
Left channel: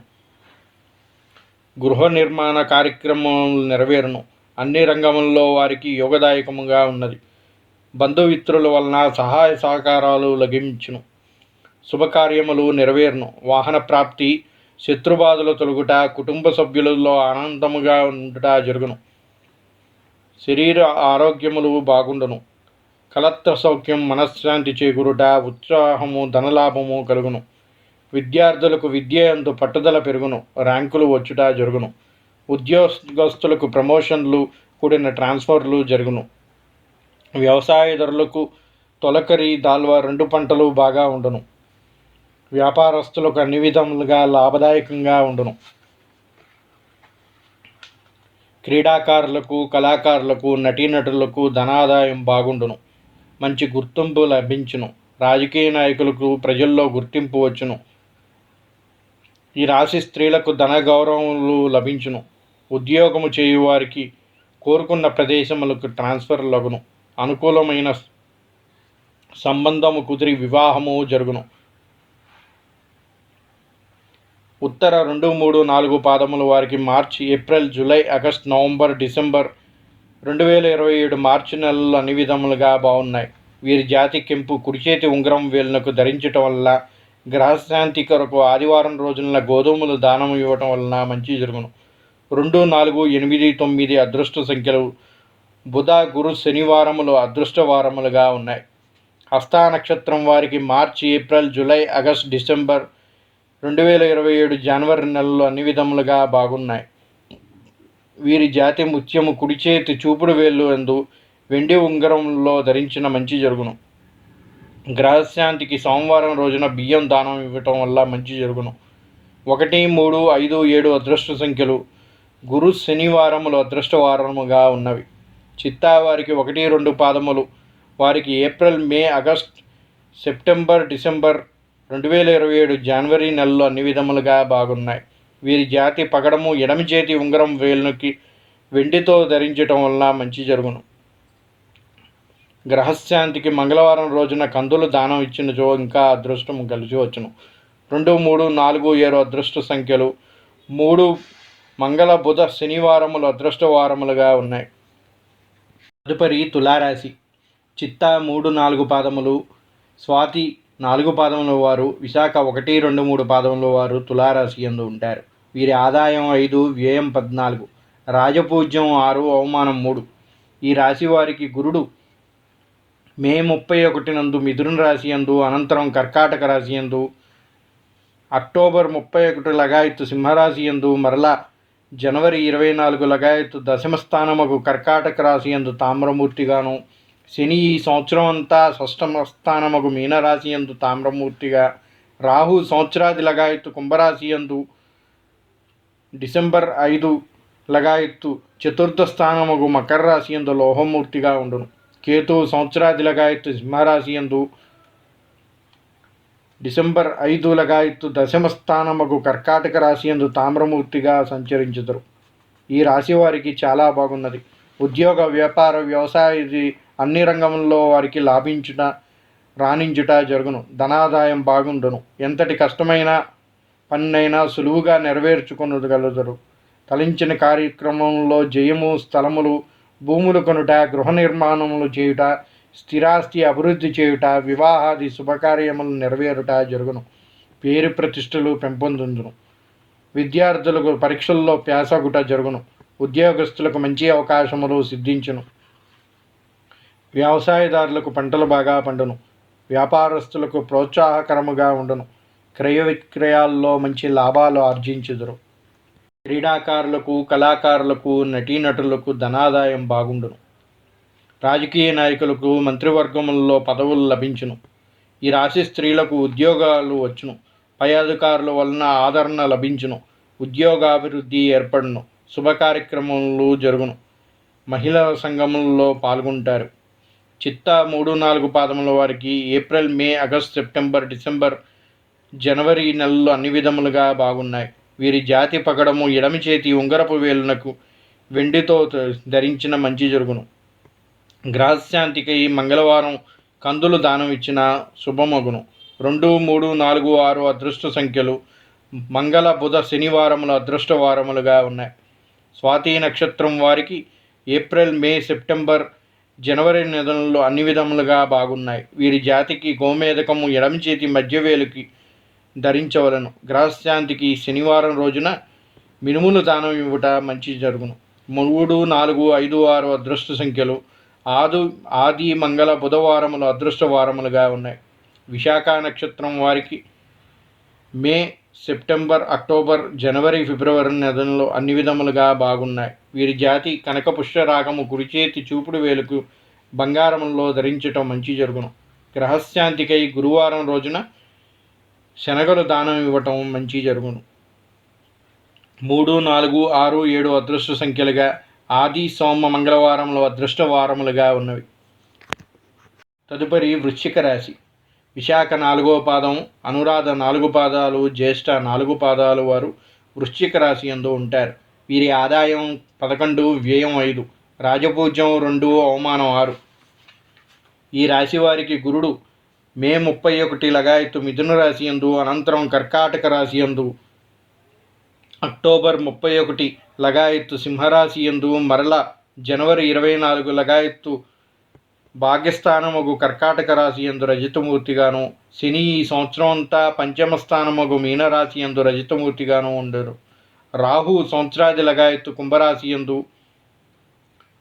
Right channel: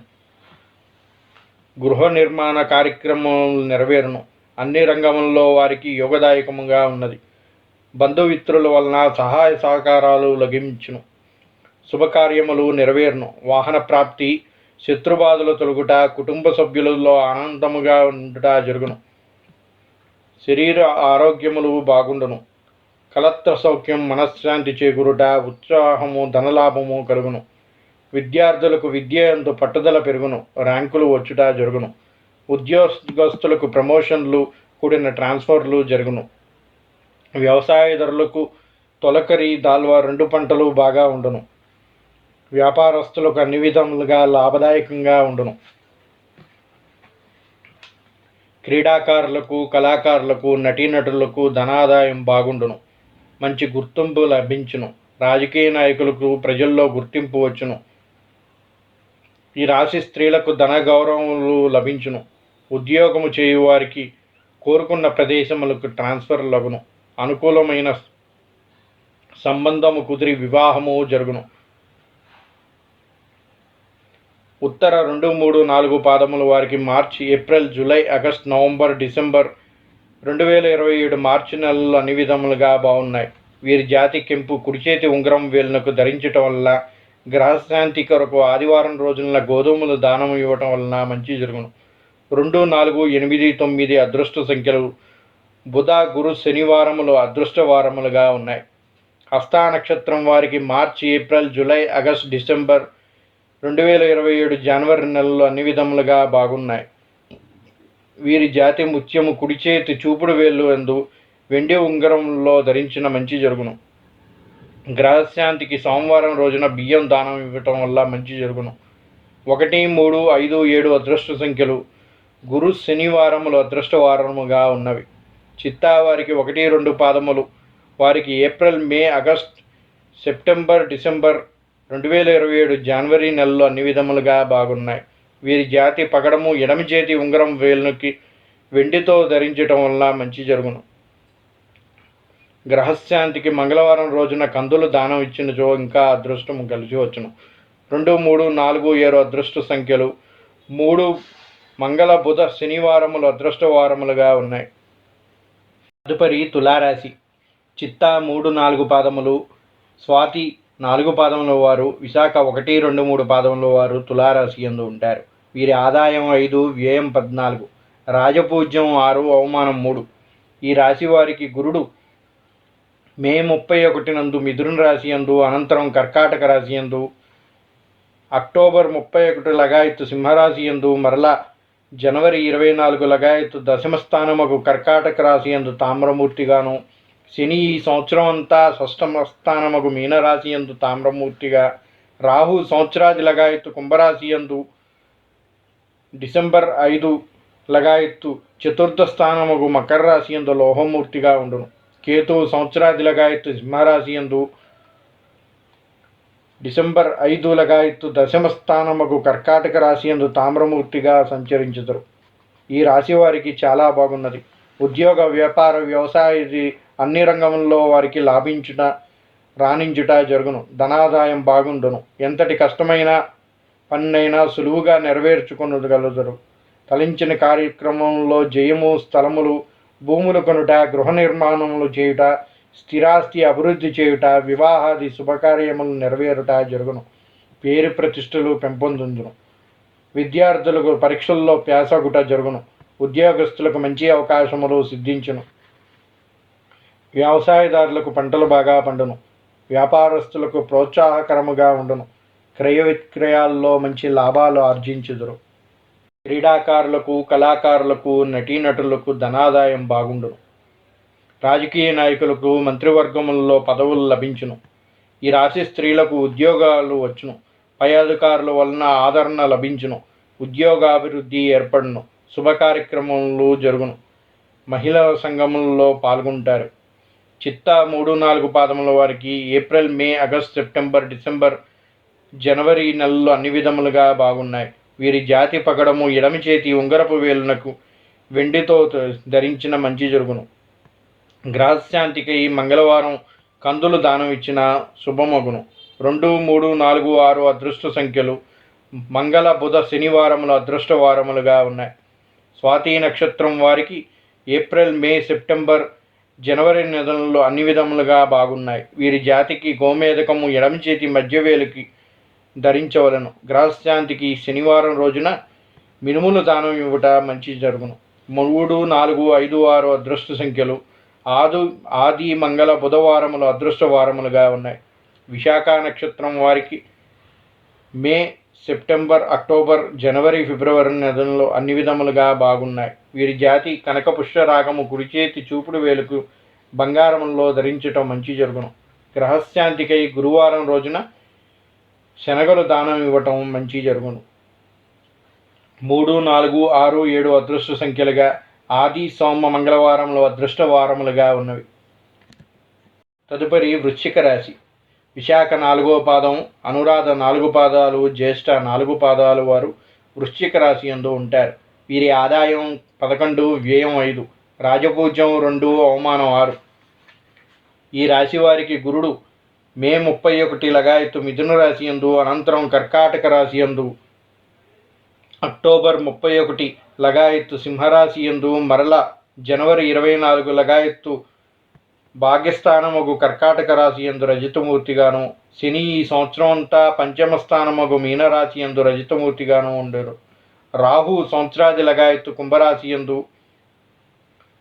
గృహ నిర్మాణ కార్యక్రమములు నెరవేరును. అన్ని రంగములలో వారికి యోగదాయకముగా ఉన్నది. బంధుమిత్రుల వలన సహాయ సహకారాలు లభించును. శుభకార్యములు నెరవేరును. వాహన ప్రాప్తి, శత్రుబాధలు తొలగుట, కుటుంబ సభ్యులలో ఆనందముగా ఉండుట జరుగును. శరీర ఆరోగ్యములు బాగుండును. కలత్ర సౌఖ్యం, మనశ్శాంతి చేకూరుట, ఉత్సాహము, ధనలాభము కలుగును. విద్యార్థులకు విద్య యందు పట్టుదల పెరుగును. ర్యాంకులు వచ్చుట జరుగును. ఉద్యోగస్తులకు ప్రమోషన్లు కూడిన ట్రాన్స్ఫర్లు జరుగును. వ్యవసాయదారులకు తొలకరి, దాల్వా 2 పంటలు బాగా ఉండును. వ్యాపారస్తులకు అన్ని విధములుగా లాభదాయకంగా ఉండును. క్రీడాకారులకు, కళాకారులకు, నటీనటులకు ధనాదాయం బాగుండును. మంచి గుర్తింపు లభించును. రాజకీయ నాయకులకు ప్రజల్లో గుర్తింపు వచ్చును. ఈ రాశి స్త్రీలకు ధన గౌరవములు లభించును. ఉద్యోగము చేయువారికి కోరుకున్న ప్రదేశములకు ట్రాన్స్ఫర్ లగును. అనుకూలమైన సంబంధము కుదిరి వివాహము జరుగును. ఉత్తర 2, 3, 4 పాదముల వారికి March, April, July, August, November, December 2027 March నెలలు అన్ని విధములుగా బాగున్నాయి. వీరి జాతి కెంపు కుడిచేతి ఉంగరం వేలునకు ధరించటం వల్ల, గ్రహశాంతి కొరకు ఆదివారం రోజున గోధుమలు దానం ఇవ్వటం వలన మంచి జరుగును. 2, 4, 8, 9 అదృష్ట సంఖ్యలు. బుధ, గురు, శనివారములు అదృష్ట వారములుగా ఉన్నాయి. హస్త నక్షత్రం వారికి March, April, July, August, December 2027 జనవరి నెలలు అన్ని విధములుగా బాగున్నాయి. వీరి జాతి ముత్యము కుడిచేతి చూపుడు వేళ్ళు యందు వెండి ఉంగరంలో ధరించిన మంచి జరుగును. గ్రహశాంతికి సోమవారం రోజున బియ్యం దానం ఇవ్వటం వల్ల మంచి జరుగును. 1, 3, 5, 7 అదృష్ట సంఖ్యలు. గురు, శనివారములు అదృష్ట వారముగా ఉన్నవి. చిత్తా వారికి 1, 2 పాదములు. వారికి ఏప్రిల్, మే, ఆగస్ట్, సెప్టెంబర్, డిసెంబర్ 2027 జనవరి నెలలు అన్ని విధములుగా బాగున్నాయి. వీరి జాతి పగడము ఎడమ చేతి ఉంగరం వేలుకి వెండితో ధరించటం వల్ల మంచి జరుగును. గ్రహశాంతికి మంగళవారం రోజున కందులు దానం ఇచ్చినచో ఇంకా అదృష్టం కలిసి వచ్చును. 2, 3, 4, 7 అదృష్ట సంఖ్యలు. 3 మంగళ బుధ శనివారములు అదృష్ట వారములుగా ఉన్నాయి. తదుపరి తులారాశి. చిత్త 3, 4 పాదములు, స్వాతి 4 పాదముల వారు, విశాఖ 1, 2, 3 పాదముల వారు తులారాశి యందు ఉంటారు. వీరి ఆదాయం 5, వ్యయం 14, రాజపూజ్యం 6, అవమానం 3. ఈ రాశి వారికి గురుడు మే 31 నందు మిథున రాశి యందు, అనంతరం కర్కాటక రాశి యందు, అక్టోబర్ 31 లగాయత్తు సింహరాశి యందు, మరలా జనవరి 24 లగాయత్తు దశమ స్థానముకు కర్కాటక రాశి యందు తామ్రమూర్తిగాను, శని ఈ సంవత్సరం అంతా షష్టమ స్థానముకు మీనరాశి యందు తామ్రమూర్తిగా, రాహు సంవత్సరాది లగాయత్తు కుంభరాశి యందు డిసెంబర్ 5 లగాయత్తు చతుర్థ స్థానముకు మకర రాశి యందు లోహమూర్తిగా ఉండును. కేతు సంవత్సరాది లగాయత్తు సింహరాశి యందు డిసెంబర్ 5 లగాయత్తు దశమ స్థానముకు కర్కాటక రాశి యందు తామ్రమూర్తిగా సంచరించుదురు. ఈ రాశి వారికి చాలా బాగున్నది. ఉద్యోగ, వ్యాపార, వ్యవసాయ అన్ని రంగముల్లో వారికి లాభించుట, రాణించుట జరుగును. ధనాదాయం బాగుండును. ఎంతటి కష్టమైన పన్నైనా సులువుగా నెరవేర్చుకొనగలుగుతారు. తలించిన కార్యక్రమంలో జయము, స్థలములు, భూములు కొనుట, గృహ నిర్మాణములు చేయుట, స్థిరాస్తి అభివృద్ధి చేయుట, వివాహాది శుభకార్యములు నెరవేరుట జరుగును. పేరు ప్రతిష్టలు పెంపొందును. విద్యార్థులకు పరీక్షల్లో ప్యాసగుట జరుగును. ఉద్యోగస్తులకు మంచి అవకాశములు సిద్ధించును. వ్యవసాయదారులకు పంటలు బాగా పండును. వ్యాపారస్తులకు ప్రోత్సాహకరముగా ఉండును. క్రయ విక్రయాల్లో మంచి లాభాలు ఆర్జించుదురు. క్రీడాకారులకు, కళాకారులకు, నటీనటులకు ధనాదాయం బాగుండును. రాజకీయ నాయకులకు మంత్రివర్గములలో పదవులు లభించును. ఈ రాశి స్త్రీలకు ఉద్యోగాలు వచ్చును. పై అధికారుల వలన ఆదరణ లభించును. ఉద్యోగాభివృద్ధి ఏర్పడును. శుభ కార్యక్రమములు జరుగును. మహిళల సంఘములలో పాల్గొంటారు. చిత్త 3, 4 పాదముల వారికి ఏప్రిల్, మే, ఆగస్టు, సెప్టెంబర్, డిసెంబర్, జనవరి నెలలు అన్ని విధములుగా బాగున్నాయి. వీరి జాతి పగడము ఎడమి చేతి ఉంగరపు వేలునకు వెండితో ధరించిన మంచి జరుగును. గ్రహశాంతికి మంగళవారం కందులు దానం ఇచ్చిన శుభమగును. 2, 3, 4, 6 అదృష్ట సంఖ్యలు. మంగళ బుధ శనివారములు అదృష్ట వారములుగా ఉన్నాయి. స్వాతి నక్షత్రం వారికి ఏప్రిల్, మే, సెప్టెంబర్, జనవరి నెలలు అన్ని విధములుగా బాగున్నాయి. వీరి జాతికి గోమేధకము ఎడమ చేతి మధ్యవేలుకి ధరించవలను. గ్రహశాంతికి శనివారం రోజున మినుములు దానం ఇవ్వట మంచి జరుగును. 3, 4, 5, 6 అదృష్ట సంఖ్యలు. ఆది మంగళ బుధవారములు అదృష్ట వారములుగా ఉన్నాయి. విశాఖ నక్షత్రం వారికి మే, సెప్టెంబర్, అక్టోబర్, జనవరి, ఫిబ్రవరి నెలల్లో అన్ని విధములుగా బాగున్నాయి. వీరి జాతి కనక పుష్యరాగము కుడి చేతి చూపుడు వేలుకు బంగారంలో ధరించటం మంచి జరుగును. గ్రహశాంతికై గురువారం రోజున శనగలు దానం ఇవ్వటం మంచి జరుగును. 3, 4, 6, 7 అదృష్ట సంఖ్యలుగా ఆది, సోమ, మంగళవారములు అదృష్ట వారములుగా ఉన్నవి. తదుపరి వృశ్చిక రాశి. విశాఖ 4వ పాదం, అనురాధ 4 పాదాలు, జ్యేష్ఠ 4 పాదాలు వారు వృశ్చిక రాశి యందు ఉంటారు. వీరి ఆదాయం 11, వ్యయం 5, రాజపూజ్యం 2, అవమానం 6. ఈ రాశి వారికి గురుడు మే 31 లగాయత్తు మిథున రాశి యందు, అనంతరం కర్కాటక రాశి యందు, అక్టోబర్ 31 లగాయత్తు సింహరాశి యందు, మరల జనవరి 24 లగాయత్తు భాగ్యస్థానముగు కర్కాటక రాశి యందు రజితమూర్తిగాను, శని ఈ సంవత్సరం అంతా పంచమ స్థానముగు మీనరాశి యందు రజితమూర్తిగాను ఉండరు. రాహు సంవత్సరాది లగాయత్తు కుంభరాశి యందు,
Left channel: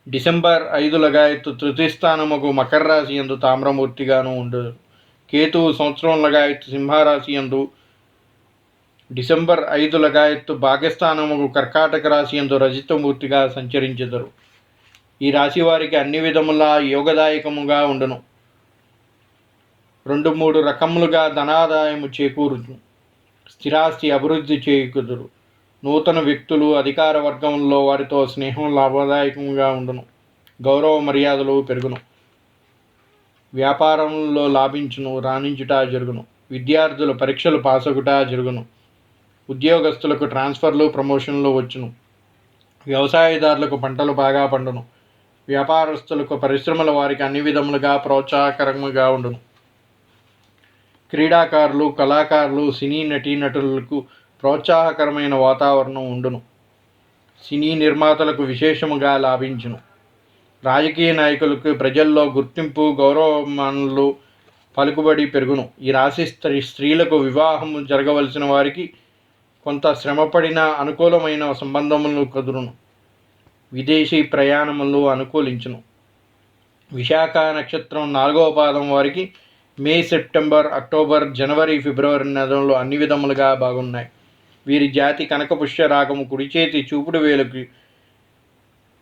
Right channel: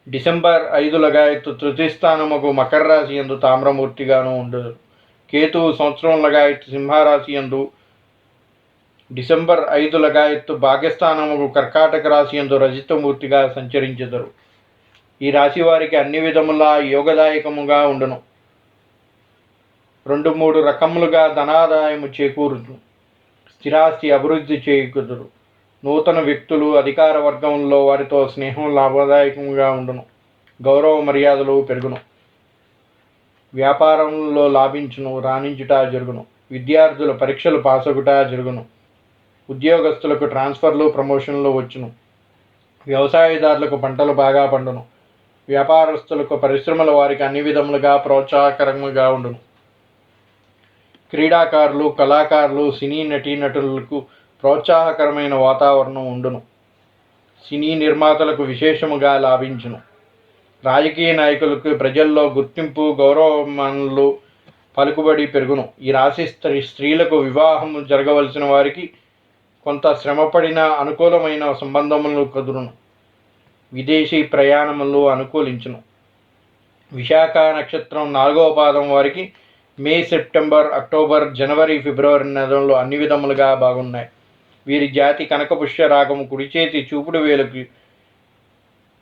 డిసెంబర్ 5 లగాయత్తు తృతీయ స్థానముగు మకర రాశి యందు తామ్రమూర్తిగాను ఉండరు. కేతు సంవత్సరం లగాయత్తు సింహరాశి యందు, డిసెంబర్ 5 లగాయత్తు భాగ్యస్థానముగు కర్కాటక రాశి యందు రజితమూర్తిగా సంచరించెదరు. ఈ రాశి వారికి అన్ని విధములా యోగదాయకముగా ఉండును. 2, 3 రకములుగా ధనాదాయము చేకూరును. స్థిరాస్తి అభివృద్ధి చేకూరుదురు. నూతన వ్యక్తులు అధికార వర్గంలో వారితో స్నేహం లాభదాయకంగా ఉండును. గౌరవ మర్యాదలు పెరుగును. వ్యాపారంలో లాభించును, రాణించుట జరుగును. విద్యార్థుల పరీక్షలు పాసగుట జరుగును. ఉద్యోగస్తులకు ట్రాన్స్ఫర్లు, ప్రమోషన్లు వచ్చును. వ్యవసాయదారులకు పంటలు బాగా పండును. వ్యాపారస్తులకు, పరిశ్రమల వారికి అన్ని విధములుగా ప్రోత్సాహకరంగా ఉండును. క్రీడాకారులు, కళాకారులు, సినీ నటీనటులకు ప్రోత్సాహకరమైన వాతావరణం ఉండును. సినీ నిర్మాతలకు విశేషముగా లాభించును. రాజకీయ నాయకులకు ప్రజల్లో గుర్తింపు, గౌరవమానాలు, పలుకుబడి పెరుగును. ఈ రాశి స్త్రీలకు వివాహం జరగవలసిన వారికి కొంత శ్రమపడిన అనుకూలమైన సంబంధములు కుదురును. విదేశీ ప్రయాణములు అనుకూలించును. విశాఖ నక్షత్రం 4వ పాదం వారికి మే, సెప్టెంబర్, అక్టోబర్, జనవరి, ఫిబ్రవరి నెలలు అన్ని విధములుగా బాగున్నాయి. వీరి జాతి కనకపుష్య రాగము కుడి చేతి చూపుడు వేలుకి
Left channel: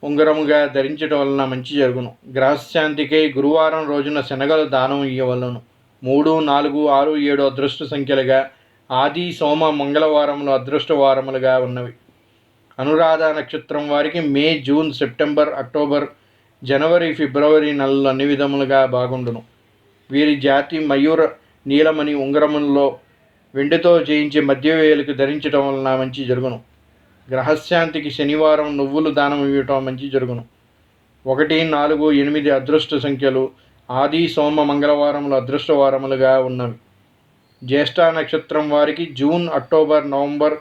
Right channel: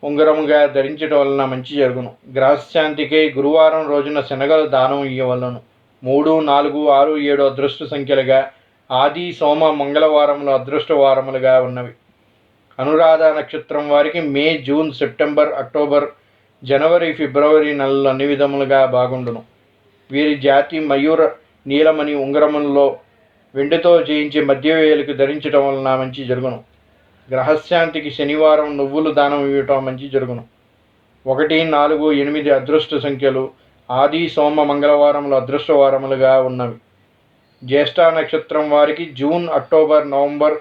ఉంగరముగా ధరించడం వలన మంచి జరుగును. గ్రహశాంతికై గురువారం రోజున శనగలు దానం ఇవ్వవలను. 3, 4, 6, 7 అదృష్ట సంఖ్యలుగా, ఆది, సోమ, మంగళవారములు అదృష్ట వారములుగా ఉన్నవి. అనురాధ నక్షత్రం వారికి మే, జూన్, సెప్టెంబర్, అక్టోబర్, జనవరి, ఫిబ్రవరి నెలలు అన్ని విధములుగా బాగుండును. వీరి జాతి మయూర నీలమణి ఉంగరములలో వెండితో చేయించి మధ్య వేలుకి ధరించడం వలన మంచి జరుగును. గ్రహశాంతికి శనివారం నువ్వులు దానం ఇవ్వటం మంచి జరుగును. 1, 4, 8 అదృష్ట సంఖ్యలు, ఆది, సోమ, మంగళవారములు అదృష్ట వారములుగా ఉన్నవి. జ్యేష్ఠ నక్షత్రం వారికి June, October, November,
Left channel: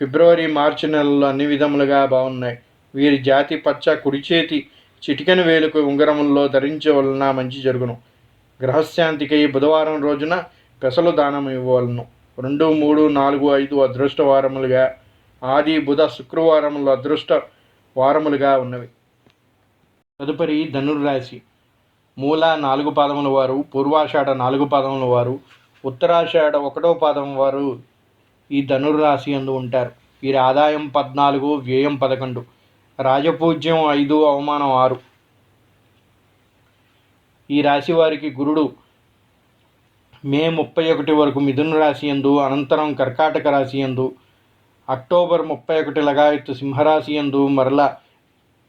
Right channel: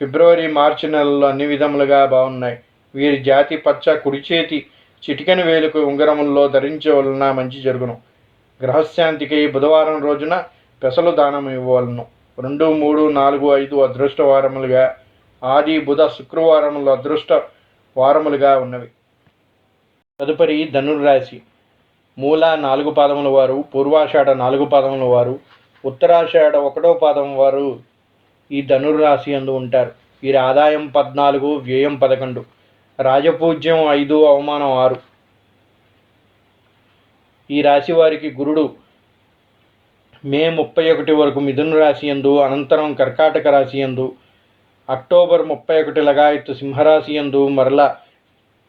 February, March నెలలు అన్ని విధములుగా బాగున్నాయి. వీరి జాతి పచ్చ కుడి చేతి చిటికెన వేలుకు ఉంగరముల్లో ధరించే వలన మంచి జరుగును. గ్రహశాంతికి బుధవారం రోజున పెసలు దానం ఇవ్వవలను. 2, 3, 4, 5 అదృష్ట వారములుగా, ఆది, బుధ, శుక్రవారములు అదృష్ట వారములుగా ఉన్నవి. తదుపరి ధనుర్రాశి. మూల 4 పాదముల వారు, పూర్వాషాఢ 4 పాదముల వారు, ఉత్తరాషాఢ 1వ పాదం వారు ఈ ధనుర్రాశి యందు ఉంటారు. వీరి ఆదాయం 14, వ్యయం 11, రాజపూజ్యం 5, అవమానం 6. ఈ రాశి వారికి గురుడు మే 31 వరకు మిథున రాశి యందు, అనంతరం కర్కాటక రాశి యందు, అక్టోబర్ 31 లగాయత్తు సింహరాశి యందు, మరలా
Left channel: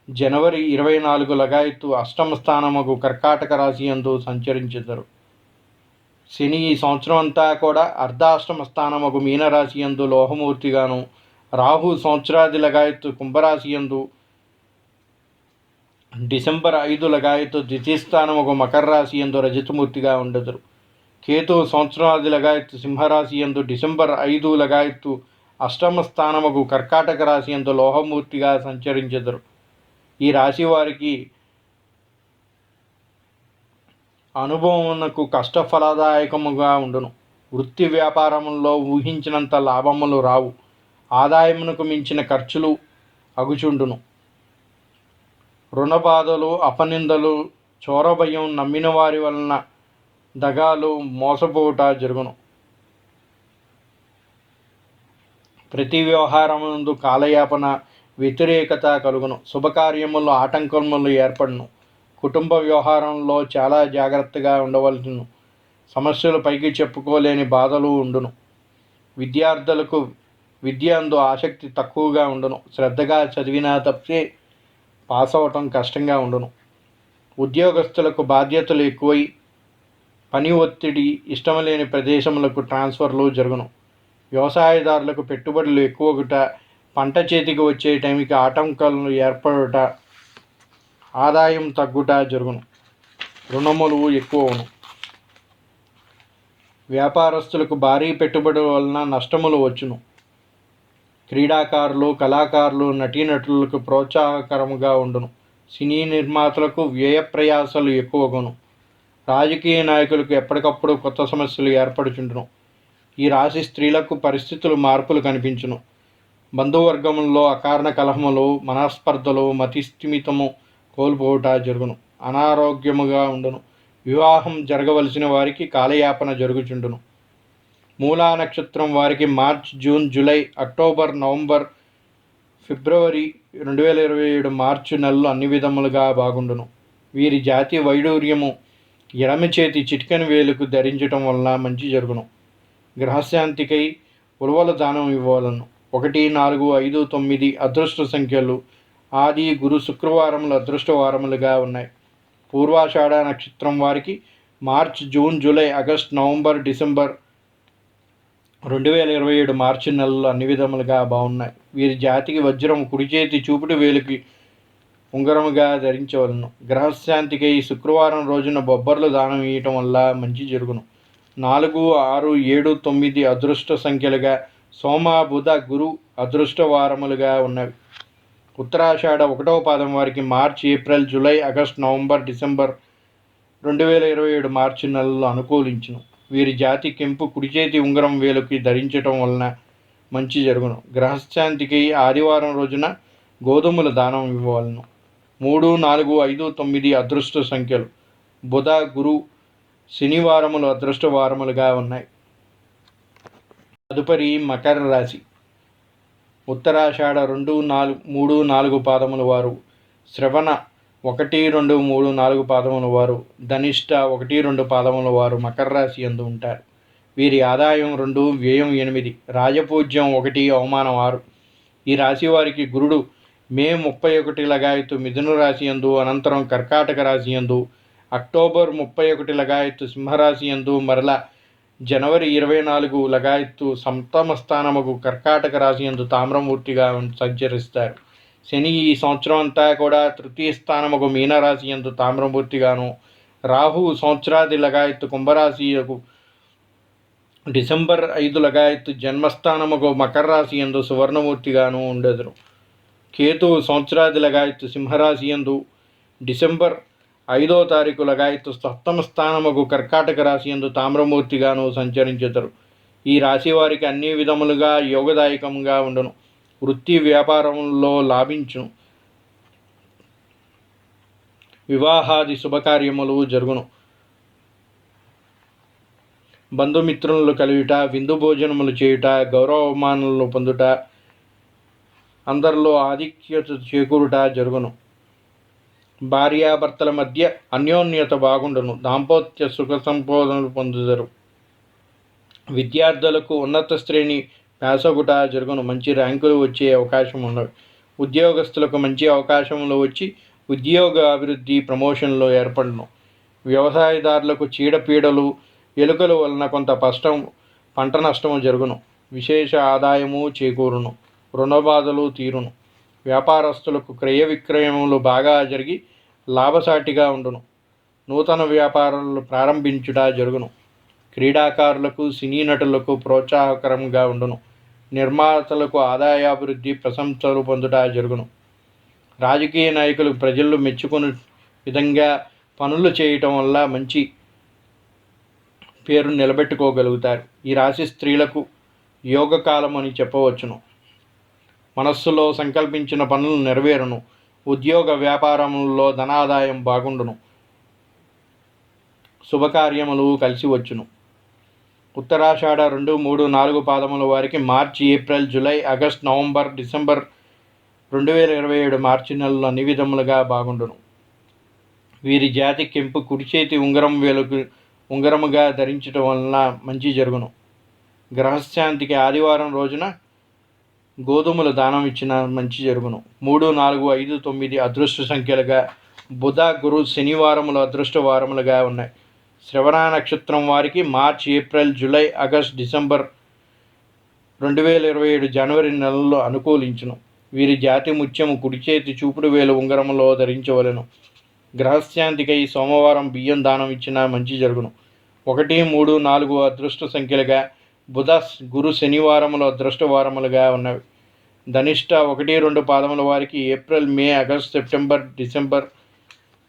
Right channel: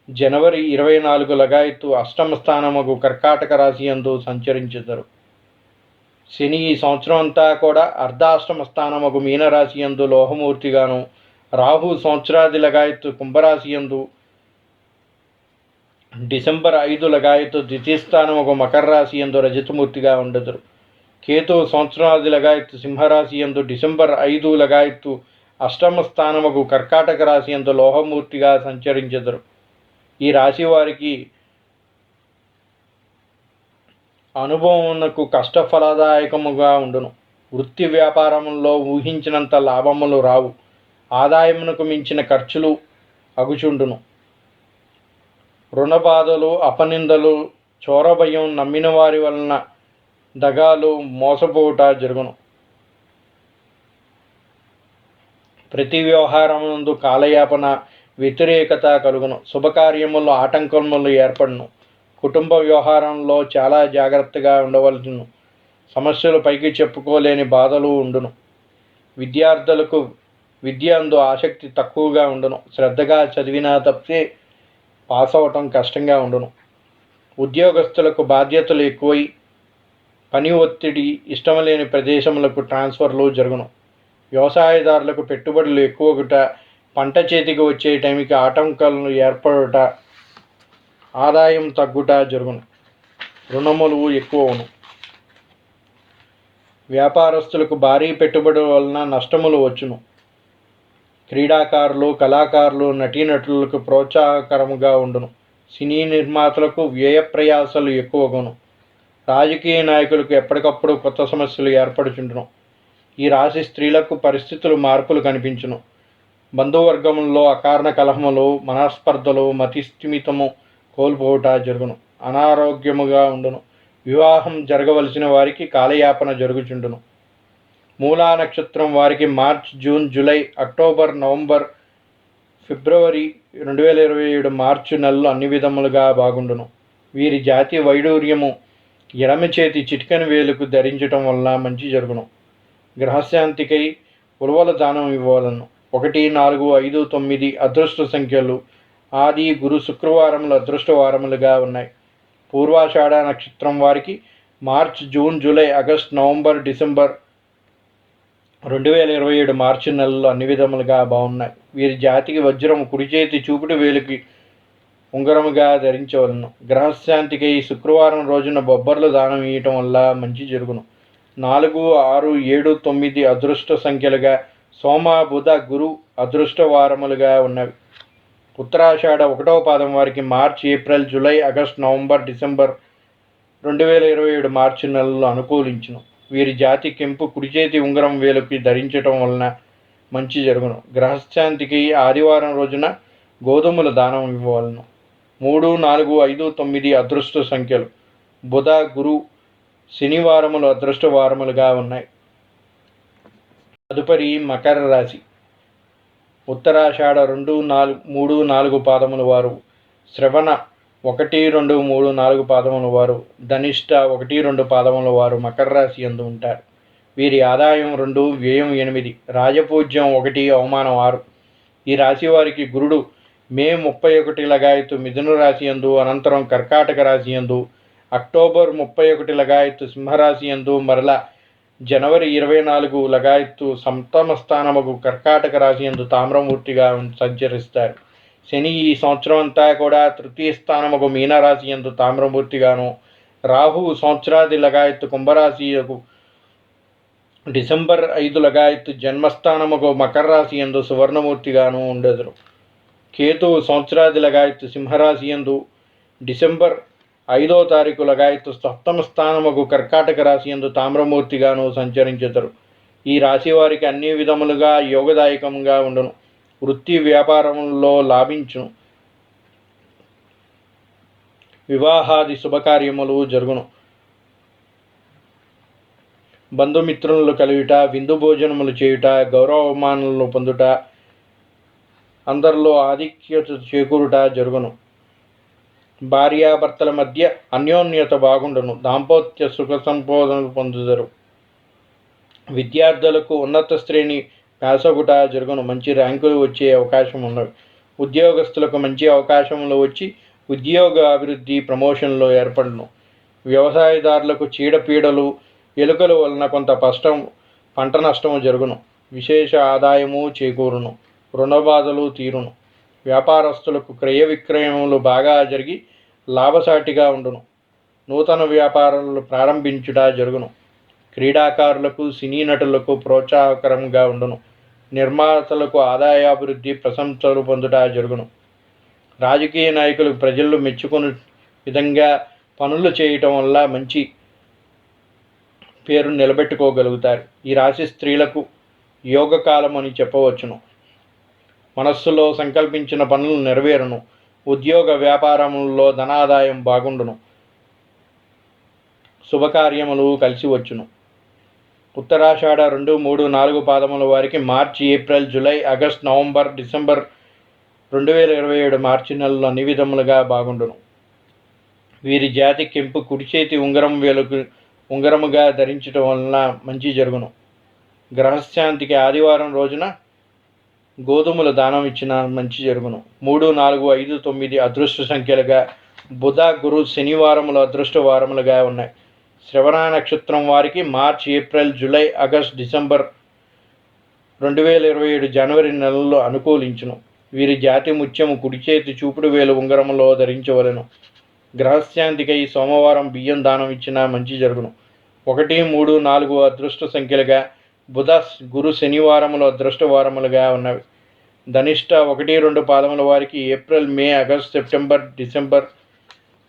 జనవరి 24 లగాయత్తు అష్టమ స్థానముకు కర్కాటక రాశి యందు సంచరించెదరు. శని ఈ సంవత్సరం అంతా కూడా అర్ధాష్టమ స్థానముకు మీనరాశి యందు లోహమూర్తిగాను, రాహు సంవత్సరాది లగాయత్తు కుంభరాశి యందు, డిసెంబర్ 5 లగాయత్తు ద్వితీయ స్థానముకు మకర రాశి యందు రజతమూర్తిగా ఉండెదరు. కేతు సంవత్సరాది లగాయత్తు సింహరాశి యందు, డిసెంబర్ 5 లగాయత్తు అష్టమ స్థానముకు కర్కాటక రాశి యందు లోహమూర్తిగా సంచరించెదరు. ఈ రాశి వారికి అనుభవమునకు కష్టఫలదాయకముగా ఉండును. వృత్తి వ్యాపారముల్లో ఊహించినంత లాభములు రావు. ఆదాయమునకు మించిన ఖర్చులు అగుచుండును. రుణబాధలు, అపనిందలు, చోరభయం, నమ్మిన వారి వలన దగాలు, మోసపోవుట జరుగును. ప్రతి వ్యవహారమునందు కాలయాపన, వ్యతిరేకత కలుగును. శుభకార్యములు ఆటంకములు ఏర్పడును. కుటుంబ వ్యవహారంలో చాలా జాగ్రత్తగా ఉండవలెను. సమస్యలు పైకి చెప్పుకోలేని బాధలు ఉండును. విద్యార్థులకు విద్య అందు ఆసక్తి తక్కువగా ఉండును. శ్రద్ధగా చదివినా తప్పితే పాస్ అవ్వటం కష్టంగా ఉండును. ఉద్యోగస్తులకు బాధ్యతలు ఎక్కువై పని ఒత్తిడి, ఇష్టం లేని ప్రదేశములకు ట్రాన్స్ఫర్లు జరుగును. వ్యవసాయదారులకు పెట్టుబడులు ఎక్కువగుట, పంట చేతికి వచ్చే టైంకి ఆటంకాలను ఏర్పడుట, ఆదాయం తగ్గుట జరుగును. రుణములు ఎక్కువను. వ్యాపారస్తులకు భారీ పెట్టుబడుల వలన నష్టములు వచ్చును. క్రీడాకారులు, కళాకారులు, నటీనటులకు ప్రోత్సాహకరముగా ఉండును. సినీ నిర్మాతలకు వ్యయ ప్రయాసాలు ఎక్కువగును. రాజకీయ నాయకులకు ఎప్పటికప్పుడు కొత్త సమస్యలు ఏర్పడుచుండును. ఈ రాశి స్త్రీలకు పరిస్థితులు మార్పులు కనిపించును. బంధువర్గములలో అకారణ కలహములు, మనస్పర్ధలు, మతిస్థిమితము కోల్పోవుట జరుగును. అనారోగ్యముగా ఉండును. వివాహం జరగవలసిన వారికి కాలయాపన జరుగుచుండును. మూలా నక్షత్రం వారికి March, June, July, October, November, February 2027 March నెలలు అన్ని విధములుగా బాగుండును. వీరి జాతి వైడూర్యము ఎడమ చేతి చిటికెన వేలుకు ధరించటం వలన మంచి జరుగును. గ్రహశాంతికై ఉలవల దానం ఇవ్వవలను. 1, 4, 5, 9 అదృష్ట సంఖ్యలు, ఆది, గురు, శుక్రవారములు అదృష్ట వారములుగా ఉన్నాయి. పూర్వాషాఢ నక్షత్రం వారికి March, June, July, August, November, December 2027 March నెలలు అన్ని విధములుగా బాగున్నాయి. వీరి జాతికి వజ్రం కుడి చేతి చూపుడు వేలికి ఉంగరముగా ధరించవలను. గ్రహశాంతికి శుక్రవారం రోజున బొబ్బర్లు దానం ఇవ్వటం వల్ల మంచి జరుగును. 4, 6, 7, 9 అదృష్ట సంఖ్యలుగా, సోమ బుధ గురు అదృష్ట వారములుగా ఉన్నవి. ఉత్తరాషాఢ 1వ పాదం వారికి March, April, July, August, November, December 2027 March నెలల్లో అనుకూలించును. వీరి జాతి కెంపు కుడి చేతి ఉంగరం వేలుకి ధరించటం వలన మంచి జరుగును. గ్రహశాంతికి ఆదివారం రోజున గోధుమల దానం ఇవ్వవలను. 3, 4, 5, 9 అదృష్ట సంఖ్యలు. బుధ గురు శనివారములు అదృష్ట వారములుగా ఉన్నాయి. తదుపరి మకర రాశి. ఉత్తరాషాఢ 2, 3, 4 పాదముల వారు, శ్రవణ 1, 2, 3, 4 పాదముల వారు, ధనిష్ట 1, 2 పాదముల వారు మకర రాశి యందు ఉంటారు. వీరి ఆదాయం 2, వ్యయం 8, రాజపూజ్యం 1, అవమానం 6. ఈ రాశి వారికి గురుడు మే 31 లగాయత్తు మిథున రాశి యందు, అనంతరం కర్కాటక రాశి యందు, అక్టోబర్ 31 లగాయత్తు సింహరాశి యందు, మరల జనవరి 24 లగాయత్తు సప్తమ స్థానముకు కర్కాటక రాశి యందు తామ్రమూర్తిగా సంచరిస్తారు. శని ఈ సంవత్సరం అంతా కూడా తృతీయ స్థానముకు మీనరాశి యందు తామ్రమూర్తిగాను, రాహు సంవత్సరాది లగాయత్తు కుంభరాశియకు డిసెంబర్ 5 లగాయత్తు జన్మస్థానముకు మకర రాశి యందు సువర్ణమూర్తిగాను ఉండెదరు. కేతు సంవత్సరాది లగాయత్తు సింహరాశి యందు డిసెంబర్ 5వ తారీఖు లగాయత్తు సప్తమ స్థానముకు కర్కాటక రాశి యందు తామ్రమూర్తిగాను సంచరించెదరు. ఈ రాశి వారికి అన్ని విధములుగా యోగదాయకంగా ఉండును. వృత్తి వ్యాపారములలో లాభించును. వివాహాది శుభకార్యములు జరుగును. బంధుమిత్రులను కలియుట, విందు భోజనములు చేయుట, గౌరవమానములను పొందుట, అందరిలో ఆధిక్యత చేకూరుట జరుగును. భార్యాభర్తల మధ్య అన్యోన్యత బాగుండును. దాంపత్య సుఖ సంపోదనలు పొందుదరు. విద్యార్థులకు ఉన్నత శ్రేణి వ్యాసగుట జరుగును. మంచి ర్యాంకులు వచ్చే అవకాశం ఉన్నవి. ఉద్యోగస్తులకు మంచి అవకాశములు వచ్చి ఉద్యోగ అభివృద్ధి ప్రమోషన్లో ఏర్పడును. వ్యవసాయదారులకు చీడపీడలు ఎలుకల వలన కొంత పంట నష్టము జరుగును. విశేష ఆదాయము చేకూరును. రుణబాధలు తీరును. వ్యాపారస్తులకు క్రయ విక్రయములు బాగా జరిగి లాభసాటిగా ఉండును. నూతన వ్యాపారాలు ప్రారంభించుట జరుగును. క్రీడాకారులకు, సినీ నటులకు ప్రోత్సాహకరంగా ఉండును. నిర్మాతలకు ఆదాయాభివృద్ధి ప్రశంసలు పొందుట జరుగును. రాజకీయ నాయకులు ప్రజలు మెచ్చుకునే విధంగా పనులు చేయటం వల్ల మంచి పేరు నిలబెట్టుకోగలుగుతారు. ఈ రాశి స్త్రీలకు యోగకాలం అని చెప్పవచ్చును. మనస్సులో సంకల్పించిన పనులు నెరవేరును. ఉద్యోగ వ్యాపారములలో ధనాదాయం బాగుండును. శుభకార్యములు కలిసి వచ్చును. ఉత్తరాషాఢ 2, 3, 4 పాదముల వారికి March, April, July, August, November, December 2027 March నెలలో అన్ని విధములుగా బాగుండును. వీరి జాతి కెంపు కుడి చేతి ఉంగరం వేలుకు ఉంగరముగా ధరించడం వలన మంచి జరుగును. గ్రహశాంతికి ఆదివారం రోజున గోధుమల దానం ఇచ్చిన మంచి జరుగును. 3, 4, 5, 9 అదృష్ట సంఖ్యలుగా, బుధ గురు శనివారములు అదృష్ట వారములుగా ఉన్నాయి. శ్రవణ నక్షత్రం వారికి March, April, July, August, December 2027 జనవరి నెలల్లో అనుకూలించును. వీరి జాతి ముత్యము కుడి చేతి చూపుడు వేలు ఉంగరములో ధరించవలెను. గ్రహశాంతికై సోమవారం బియ్యం దానం ఇచ్చిన మంచి జరుగును. 1, 3, 4 అదృష్ట సంఖ్యలుగా, బుధ గురు శనివారములు అదృష్ట వారములుగా ఉన్నవి. ధనిష్ట 1, 2 పాదముల వారికి ఏప్రిల్, మే, ఆగస్టు, సెప్టెంబర్, డిసెంబర్,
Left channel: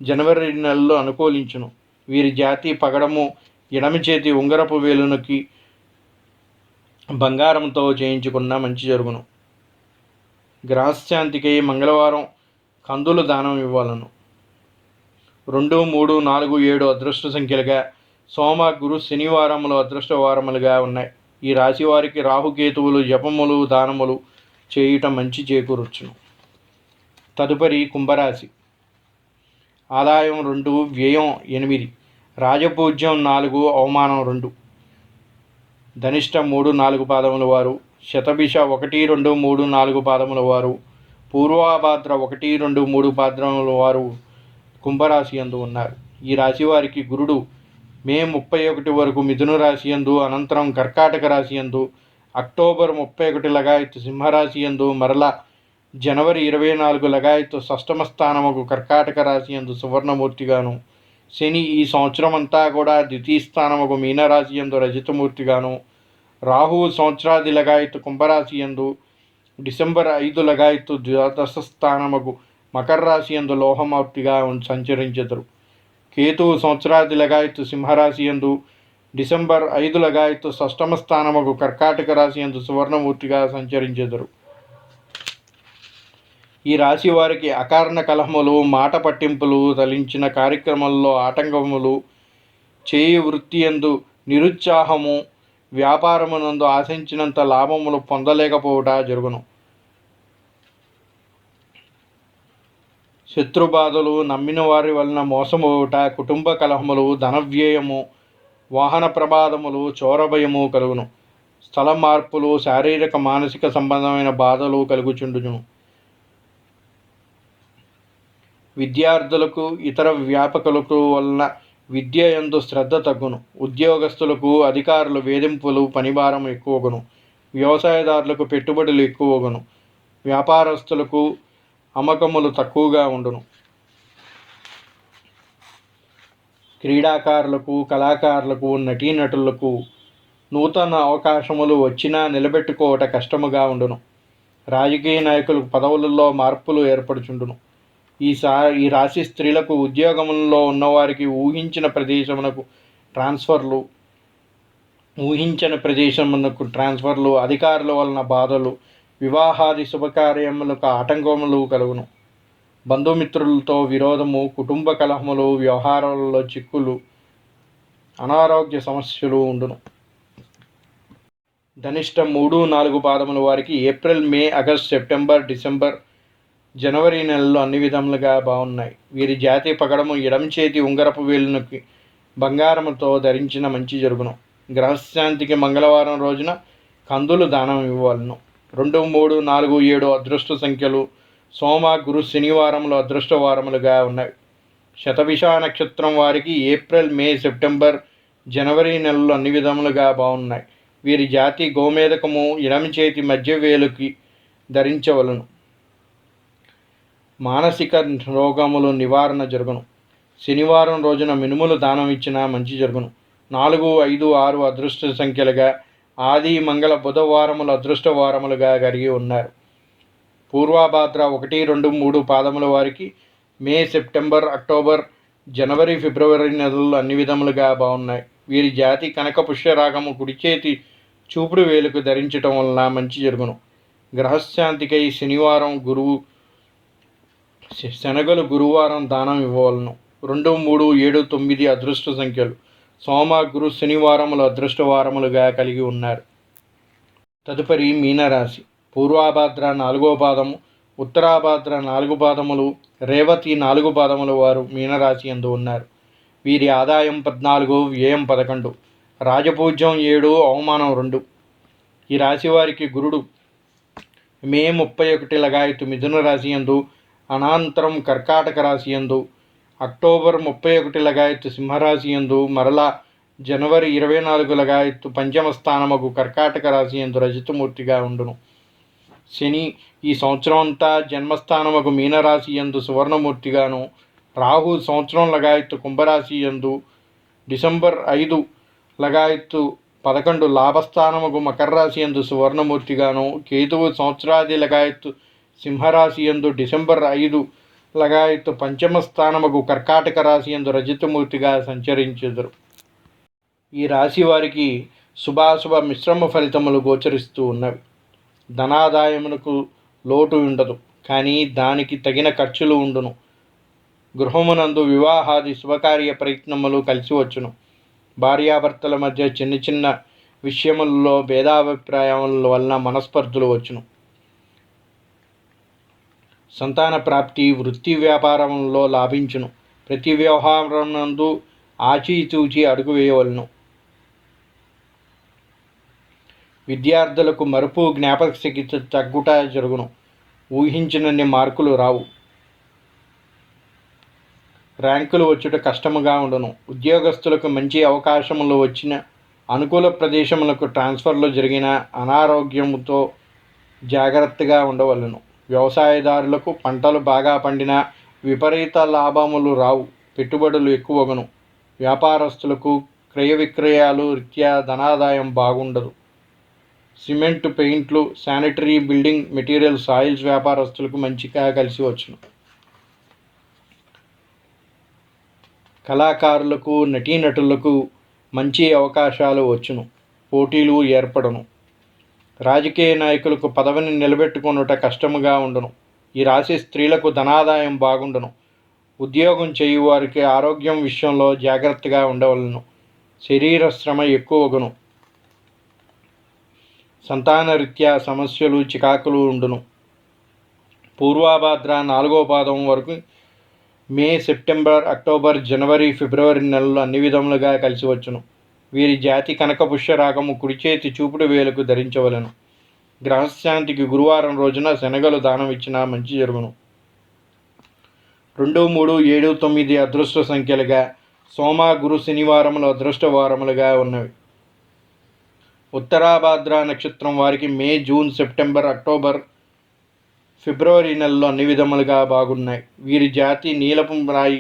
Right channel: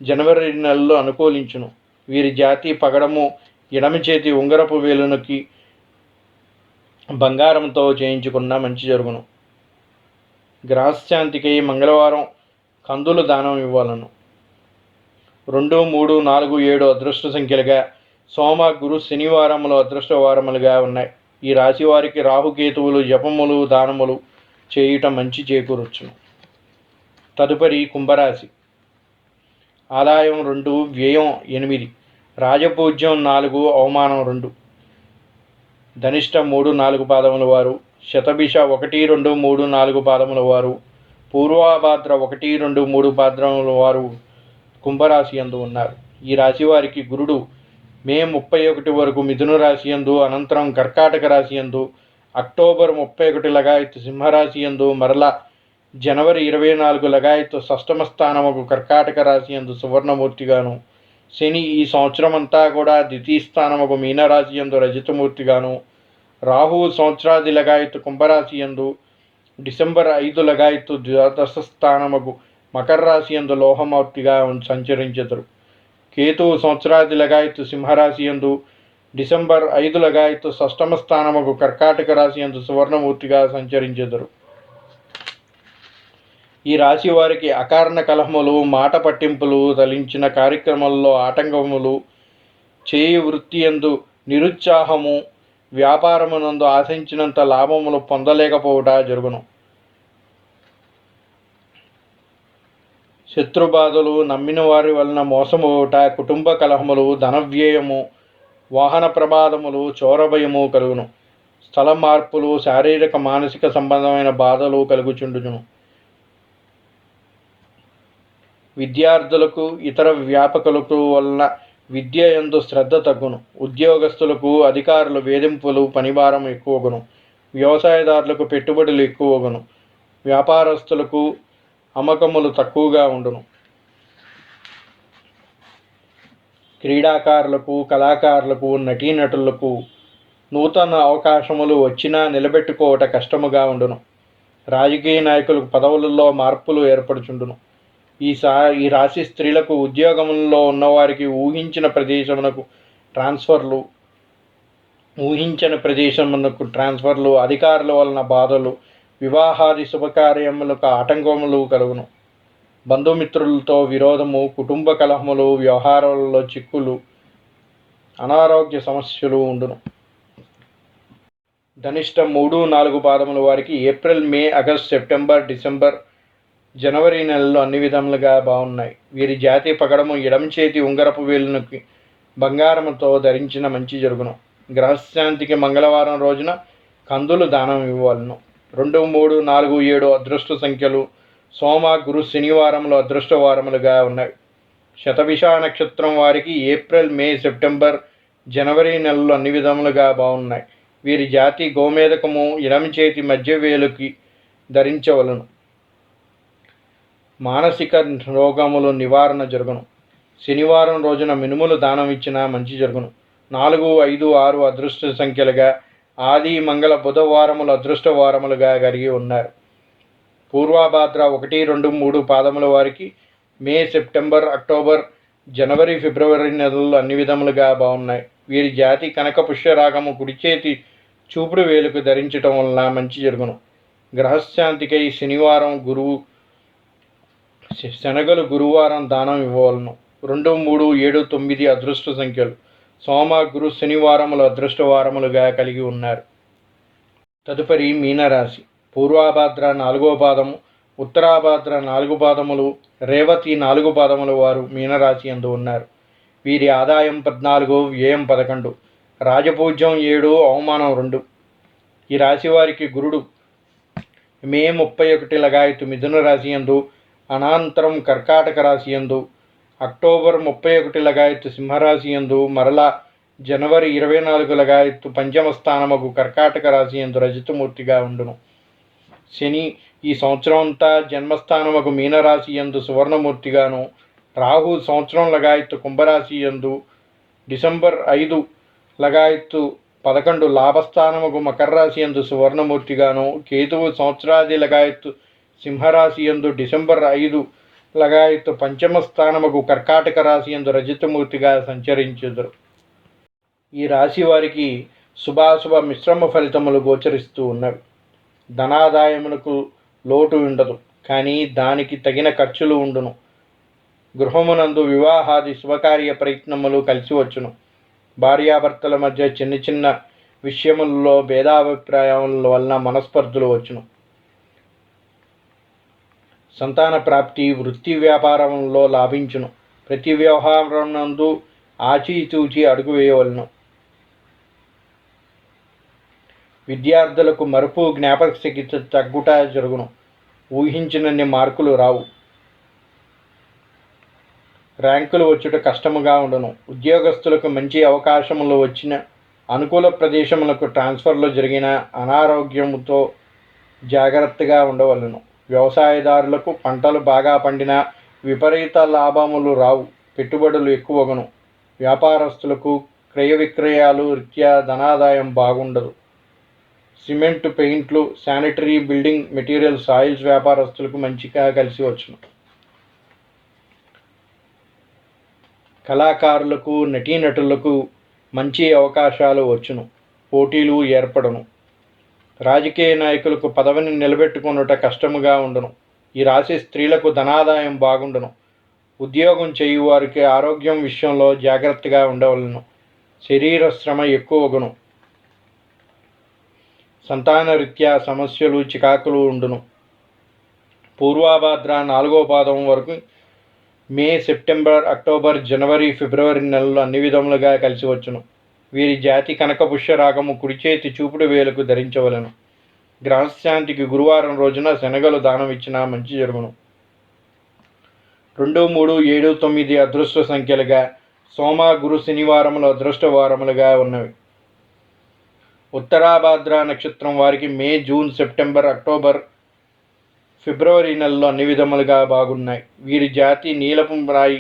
జనవరి నెలల్లో అనుకూలించును. వీరి జాతి పగడము ఎడమ చేతి ఉంగరపు వేలునకి బంగారంతో చేయించుకున్న మంచి జరుగును. గ్రహశాంతికై మంగళవారం కందులు దానం ఇవ్వాలను. 2, 3, 4, 7 అదృష్ట సంఖ్యలుగా, సోమ గురు శనివారములు అదృష్ట వారములుగా ఉన్నాయి. ఈ రాశి వారికి రాహుకేతువులు జపములు దానములు చేయుట మంచి చేకూరొచ్చును. తదుపరి కుంభరాశి. ఆదాయం 2, వ్యయం 8, రాజపూజ్యం 4, అవమానం 2. ధనిష్ట 3, 4 పాదముల వారు, శతభిష 1, 2, 3, 4 పాదముల వారు, పూర్వాభాద్ర 1, 2, 3 పాదముల వారు కుంభరాశి యందు ఉన్నారు. ఈ రాశి వారికి గురుడు మే 31 వరకు మిథున రాశి యందు, అనంతరం కర్కాటక రాశి యందు, అక్టోబర్ 31 లగాయత్తు సింహరాశి యందు, మరల జనవరి 24 లగాయత్తు షష్టమ స్థానముకు కర్కాటక రాశి యందు సువర్ణమూర్తిగాను శని ఈ సంవత్సరం అంతా కూడా ద్వితీయ స్థానముకు మీనరాశి యందు రజతమూర్తిగాను, రాహువు సంవత్సరాది లగాయత్తు కుంభరాశి యందు, డిసెంబర్ 5 లగాయత్తు ద్వాదశ స్థానముకు మకర రాశి యందు లోహమూర్తిగా సంచరించెదరు. కేతువు సంవత్సరాది లగాయత్తు సింహరాశి యందు, డిసెంబర్ 5 లగాయత్తు షష్టమ స్థానముకు కర్కాటక రాశి యందు సువర్ణమూర్తిగా సంచరించెదరు. ఈ రాశి వారికి అకారణ కలహములు, మాట పట్టింపులు, తలించిన కార్యక్రమాల్లో ఆటంకములు, చేయి వృత్తి యందు నిరుత్సాహము, వ్యాపారమునందు ఆశించినంత లాభములు పొందలేకపోవట జరుగును. శత్రుబాధలు, నమ్మిన వారి వలన మోసమోట, కుటుంబ కలహములు, ధనవ్యయము, వాహన ప్రమాదములు, చోరభయము కలుగును. స్థల మార్పులు, శారీరక మానసిక సంబంధమైన బాధలు కలుగుచుండును. విద్యార్థులకు, ఇతర వ్యాపకులకు వలన విద్య యందు శ్రద్ధ తగ్గును. ఉద్యోగస్తులకు, అధికారుల వేధింపులు, పనిభారం ఎక్కువగును. వ్యవసాయదారులకు పెట్టుబడులు ఎక్కువగును. వ్యాపారస్తులకు అమ్మకములు తక్కువగా ఉండును. క్రీడాకారులకు, కళాకారులకు, నటీనటులకు నూతన అవకాశములు వచ్చినా నిలబెట్టుకోవట కష్టముగా ఉండును. రాజకీయ నాయకులకు పదవులలో మార్పులు ఏర్పడుచుండును. ఈ రాశి స్త్రీలకు ఉద్యోగంలో ఉన్నవారికి ఊహించిన ప్రదేశమునకు అధికారుల వలన బాధలు, వివాహాది శుభకార్యములకు ఆటంకములు కలుగును. బంధుమిత్రులతో విరోధము, కుటుంబ కలహములు, వ్యవహారాలలో చిక్కులు, అనారోగ్య సమస్యలు ఉండును. ధనిష్ట 3-4 పాదముల వారికి ఏప్రిల్, మే, ఆగస్ట్, సెప్టెంబర్, డిసెంబర్, జనవరి నెలలు అన్ని విధములుగా బాగున్నాయి. వీరి జాతి పగడము ఎడమ చేతి ఉంగరపు వేలునకి బంగారముతో ధరించిన మంచి జరుగును. గ్రహశాంతికి మంగళవారం రోజున కందులు దానం ఇవ్వవలను. 2, 3, 4, 7 అదృష్ట సంఖ్యలు. సోమ, గురు, శనివారములు అదృష్ట వారములుగా ఉన్నాయి. శతభిష నక్షత్రం వారికి ఏప్రిల్, మే, సెప్టెంబర్, జనవరి నెలలు అన్ని విధములుగా బాగున్నాయి. వీరి జాతి గోమేదకము ఎడమ చేతి మధ్య వేలుకి ధరించవలను. మానసిక రోగములు నివారణ జరుగును. శనివారం రోజున మినుములు దానం ఇచ్చిన మంచి జరుగును. 4, 5, 6 అదృష్ట సంఖ్యలుగా, ఆది, మంగళ, బుధవారములు అదృష్ట వారములుగా కలిగి ఉన్నారు. పూర్వభాద్ర 1, 2, 3 పాదముల వారికి మే, సెప్టెంబర్, అక్టోబర్, జనవరి, ఫిబ్రవరి నెలలు అన్ని విధములుగా బాగున్నాయి. వీరి జాతి కనక పుష్యరాగము కుడి చేతి చూపుడు వేలుకు ధరించటం వలన మంచి జరుగును. గ్రహశాంతికై శనివారం, శనగలు గురువారం దానం ఇవ్వవలను. 2, 3, 7, 9 అదృష్ట సంఖ్యలు. సోమ, గురు, శనివారములు అదృష్ట వారములుగా కలిగి ఉన్నారు. తదుపరి మీనరాశి. పూర్వభాద్ర 4వ పాదము, ఉత్తరాభాద్ర 4 పాదములు, రేవతి 4 పాదముల వారు మీనరాశి యందు ఉన్నారు. వీరి ఆదాయం 14, వ్యయం 11, రాజపూజ్యం 7, అవమానం 2. ఈ రాశి వారికి గురుడు మే 31 లగాయతు మిథున రాశి యందు, అనంతరం కర్కాటక రాశి యందు, అక్టోబర్ 31 లగాయత్తు సింహరాశి యందు, మరలా జనవరి 24 లగాయత్తు పంచమ స్థానముకు కర్కాటక రాశి యందు రజతమూర్తిగా ఉండును. శని ఈ సంవత్సరం అంతా జన్మస్థానముకు మీనరాశి యందు సువర్ణమూర్తిగాను, రాహు సంవత్సరం లగాయత్తు కుంభరాశి యందు, డిసెంబర్ 5 లగాయత్తు 11 లాభస్థానముకు మకర రాశి యందు సువర్ణమూర్తిగాను, కేతువు సంవత్సరాది లగాయత్తు సింహరాశి యందు, డిసెంబర్ 5 లగాయత్తు పంచమ స్థానముకు కర్కాటక రాశి యందు రజతమూర్తిగా సంచరించెదరు. ఈ రాశి వారికి శుభాశుభ మిశ్రమ ఫలితములు గోచరిస్తూ ఉన్నవి. ధనాదాయమునకు లోటు ఉండదు, కానీ దానికి తగిన ఖర్చులు ఉండును. గృహమునందు వివాహాది శుభకార్య ప్రయత్నములు కలిసి వచ్చును. భార్యాభర్తల మధ్య చిన్న చిన్న విషయములలో భేదాభిప్రాయముల వలన మనస్పర్ధలు వచ్చును. సంతాన ప్రాప్తి, వృత్తి వ్యాపారంలో లాభించును. ప్రతి వ్యవహారం నందు ఆచితూచి అడుగు వేయవలను. విద్యార్థులకు మరుపు, జ్ఞాపక శక్తి తగ్గుట జరుగును. ఊహించినన్ని మార్కులు రావు. ర్యాంకులు వచ్చుట కష్టముగా ఉండును. ఉద్యోగస్తులకు మంచి అవకాశములు వచ్చిన, అనుకూల ప్రదేశములకు ట్రాన్స్ఫర్లు జరిగిన, అనారోగ్యముతో జాగ్రత్తగా ఉండవలను. వ్యవసాయదారులకు పంటలు బాగా పండిన విపరీత లాభములు రావు. పెట్టుబడులు ఎక్కువగను. వ్యాపారస్తులకు క్రయ విక్రయాలు రీత్యా ధనాదాయం బాగుండదు. సిమెంట్, పెయింట్లు, శానిటరీ, బిల్డింగ్ మెటీరియల్స్, ఆయిల్స్ వ్యాపారస్తులకు మంచిగా కలిసి వచ్చును. కళాకారులకు, నటీనటులకు మంచి అవకాశాలు వచ్చును. పోటీలు ఏర్పడను. రాజకీయ నాయకులకు పదవిని నిలబెట్టుకొనుట కష్టముగా ఉండును. ఈ రాశి స్త్రీలకు ధనాదాయం బాగుండును. ఉద్యోగం చేయువారికి ఆరోగ్యం విషయంలో జాగ్రత్తగా ఉండవలను. శరీర శ్రమ ఎక్కువగును. సంతానరీత్యా సమస్యలు, చికాకులు ఉండును. పూర్వాభాద్ర 4వ పాదం వరకు మే, సెప్టెంబర్, అక్టోబర్, జనవరి, ఫిబ్రవరి నెలలు అన్ని విధములుగా కలిసి వచ్చును. వీరి జాతి కనకపుష్య రాగము కుడి చేతి చూపుడు వేలకు ధరించవలను. గ్రహశాంతికి గురువారం రోజున శనగలు దానం ఇచ్చినా మంచి జరుగును. 2, 3, 7, 9 అదృష్ట సంఖ్యలుగా, సోమ, గురు, శనివారములు అదృష్ట వారములుగా ఉన్నవి. ఉత్తరాభాద్ర నక్షత్రం వారికి మే, జూన్, సెప్టెంబర్, అక్టోబర్, ఫిబ్రవరి నెలలు అన్ని విధములుగా బాగున్నాయి. వీరి జాతి నీలపు రాయి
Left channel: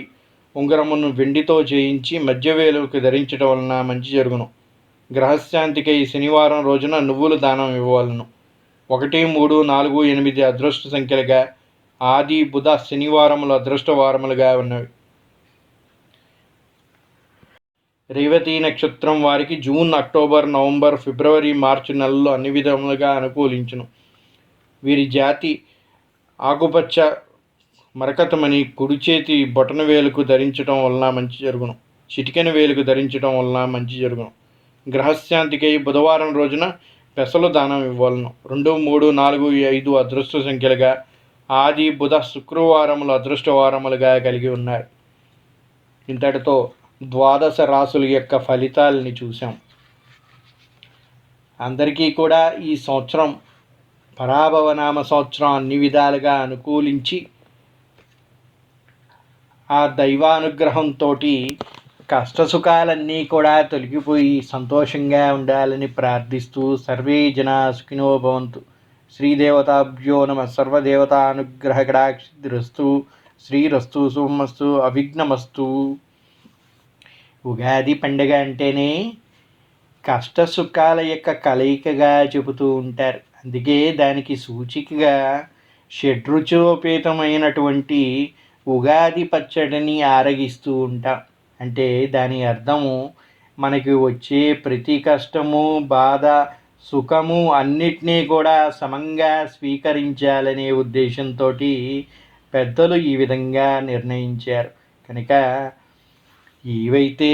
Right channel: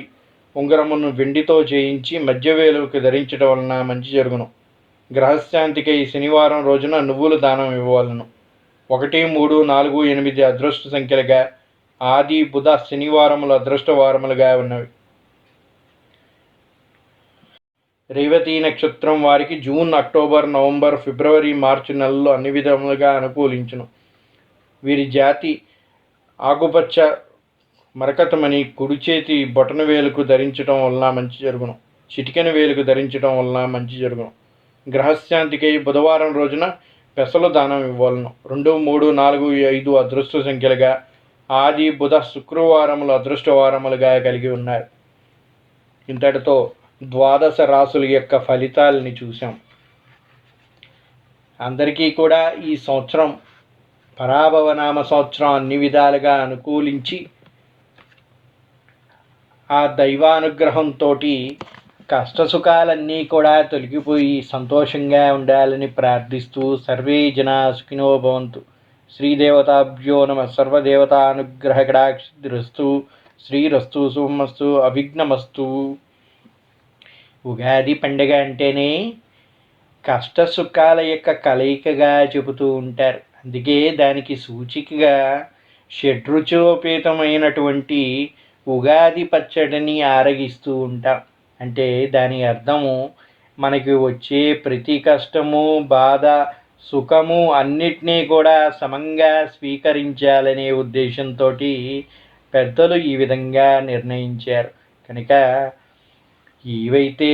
ఉంగరమును వెండితో చేయించి మధ్యవేలుకు ధరించడం వలన మంచి జరుగును. గ్రహశాంతికై శనివారం రోజున నువ్వులు దానం ఇవ్వవలను. 1, 3, 4, 8 అదృష్ట సంఖ్యలుగా, ఆది, బుధ, శనివారములు అదృష్ట వారములుగా ఉన్నవి. రేవతి నక్షత్రం వారికి జూన్, అక్టోబర్, నవంబర్, ఫిబ్రవరి, మార్చి నెలల్లో అన్ని విధములుగా అనుకూలించును. వీరి జాతి ఆకుపచ్చ మరకతమని కుడి చేతి బొటన వేలుకు ధరించడం వలన మంచి జరుగును. చిటికెన వేలుకు ధరించడం వలన మంచి జరుగును. గ్రహశాంతికై బుధవారం రోజున పెసలు దానం ఇవ్వవలను. 2, 3, 4, 5 అదృష్ట సంఖ్యలుగా, ఆది, బుధ, శుక్రవారములు అదృష్ట వారములుగా కలిగి ఉన్నారు. ఇంతటితో ద్వాదశ రాశుల యొక్క ఫలితాలని చూసాం. అందరికీ కూడా ఈ సంవత్సరం పరాభవనామ సంవత్సరం అన్ని విధాలుగా అనుకూలించి ఆ దైవానుగ్రహంతో కష్టసుఖాలన్నీ కూడా తొలగిపోయి సంతోషంగా ఉండాలని ప్రార్థిస్తూ సర్వే జనా సుఖినో భవంతు. శ్రీదేవతాభ్యో నమ. సర్వదేవతానుగ్రహ కటాక్షిరస్తు. శ్రీరస్తు, శుభమస్తు, అవిఘ్నమస్తు. ఉగాది పండుగ అంటేనే కష్టసుఖాల యొక్క కలయికగా చెబుతూ ఉంటారు. అందుకే దానికి సూచికగా షడ్రుచోపేతమైనటువంటి ఉగాది పచ్చడిని ఆరగిస్తూ ఉంటాం. అంటే దాని అర్థము మనకి వచ్చే ప్రతి కష్టము, బాధ, సుఖము అన్నిటినీ కూడా సమంగా స్వీకరించాలనే ఉద్దేశంతో పెద్దలు ఈ విధంగా నిర్ణయించారు. కనుక ఏవైతే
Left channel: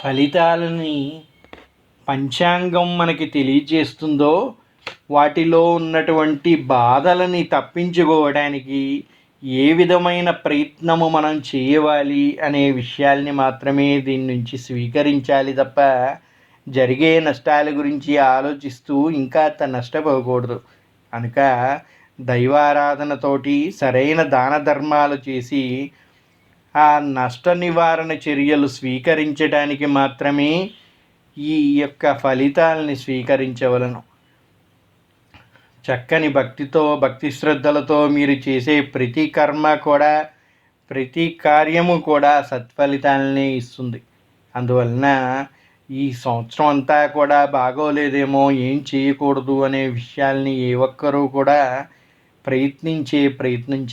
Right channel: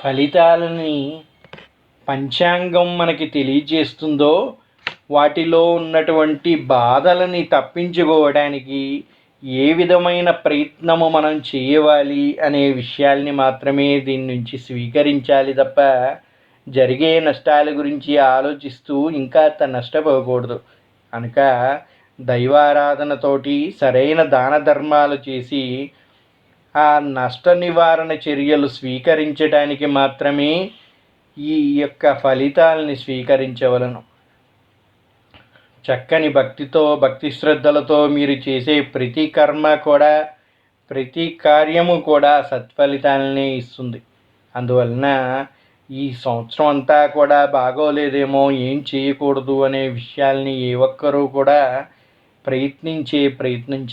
ఫలితాలని పంచాంగం మనకి తెలియజేస్తుందో వాటిలో ఉన్నటువంటి బాధలని తప్పించుకోవడానికి ఏ విధమైన ప్రయత్నము మనం చేయవాలి అనే విషయాల్ని మాత్రమే దీని నుంచి స్వీకరించాలి తప్ప జరిగే నష్టాల గురించి ఆలోచిస్తూ ఇంకా నష్టపోకూడదు. కనుక దైవారాధనతోటి సరైన దాన ధర్మాలు చేసి ఆ నష్ట నివారణ చర్యలు స్వీకరించడానికి మాత్రమే ఈ యొక్క ఫలితాలని స్వీకరించవలను. చక్కని భక్తితో, భక్తి శ్రద్ధలతో మీరు చేసే ప్రతి కర్మ కూడా, ప్రతి కార్యము కూడా సత్ఫలితాలనే ఇస్తుంది. అందువలన ఈ సంవత్సరం అంతా కూడా బాగోలేదేమో, ఏం చేయకూడదు అనే విషయాల్ని ఏ ఒక్కరూ కూడా ప్రయత్నం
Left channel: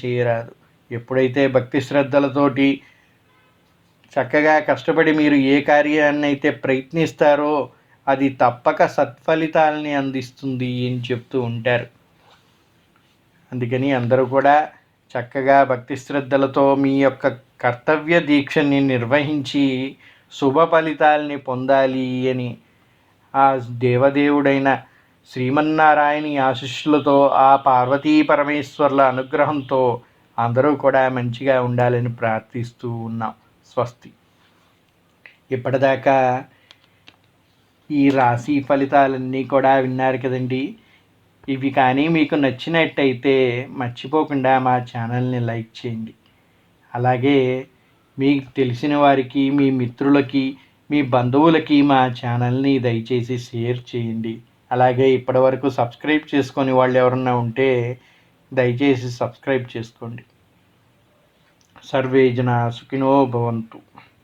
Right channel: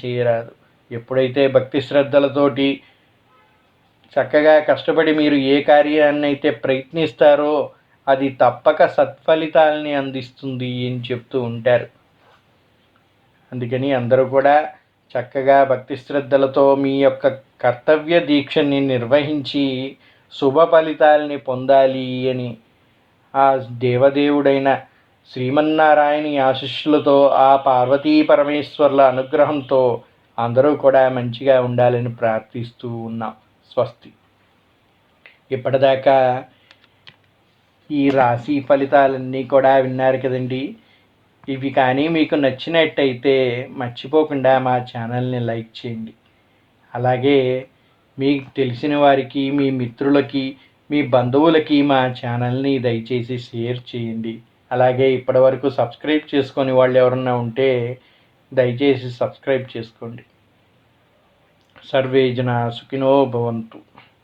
చేయరాదు. ఎప్పుడైతే భక్తి శ్రద్ధలతోటి చక్కగా కష్టపడి మీరు ఏ కార్యాన్ని అయితే ప్రయత్నిస్తారో అది తప్పక సత్ఫలితాలని అందిస్తుంది అని చెప్తూ ఉంటారు. అందుకని అందరూ కూడా చక్కగా భక్తి శ్రద్ధలతో మీ యొక్క కర్తవ్య దీక్షని నిర్వహించి శుభ ఫలితాలని పొందాలి అని ఆ దేవదేవుడైన శ్రీమన్నారాయణి ఆశీస్సులతో, ఆ పార్వతీ పరమేశ్వర్ల అనుగ్రహంతో అందరూ కూడా మంచిగా ఉండాలని ప్రార్థిస్తూ ఉన్నాం. స్వస్తి. ఇప్పటిదాకా ఈ రాశి ఫలితాలన్నీ కూడా విన్నారు కదండి. ఇవి కానీ మీకు నచ్చినట్టయితే మర్చిపోకుండా మా ఛానల్ని లైక్ చేయండి. అలాగే మీకు తెలిసిన వారికి, మీ మిత్రులకి, మీ బంధువులకి మా ఛానల్ని దయచేసి షేర్ చేయండి. అలాగే ఇప్పటివరకు సబ్స్క్రైబ్ చేసుకొని వాళ్ళు ఎవరన్నా ఉంటే దయచేసి సబ్స్క్రైబ్ చేసుకోండి. సర్వే జనా సుఖినో భవంతు.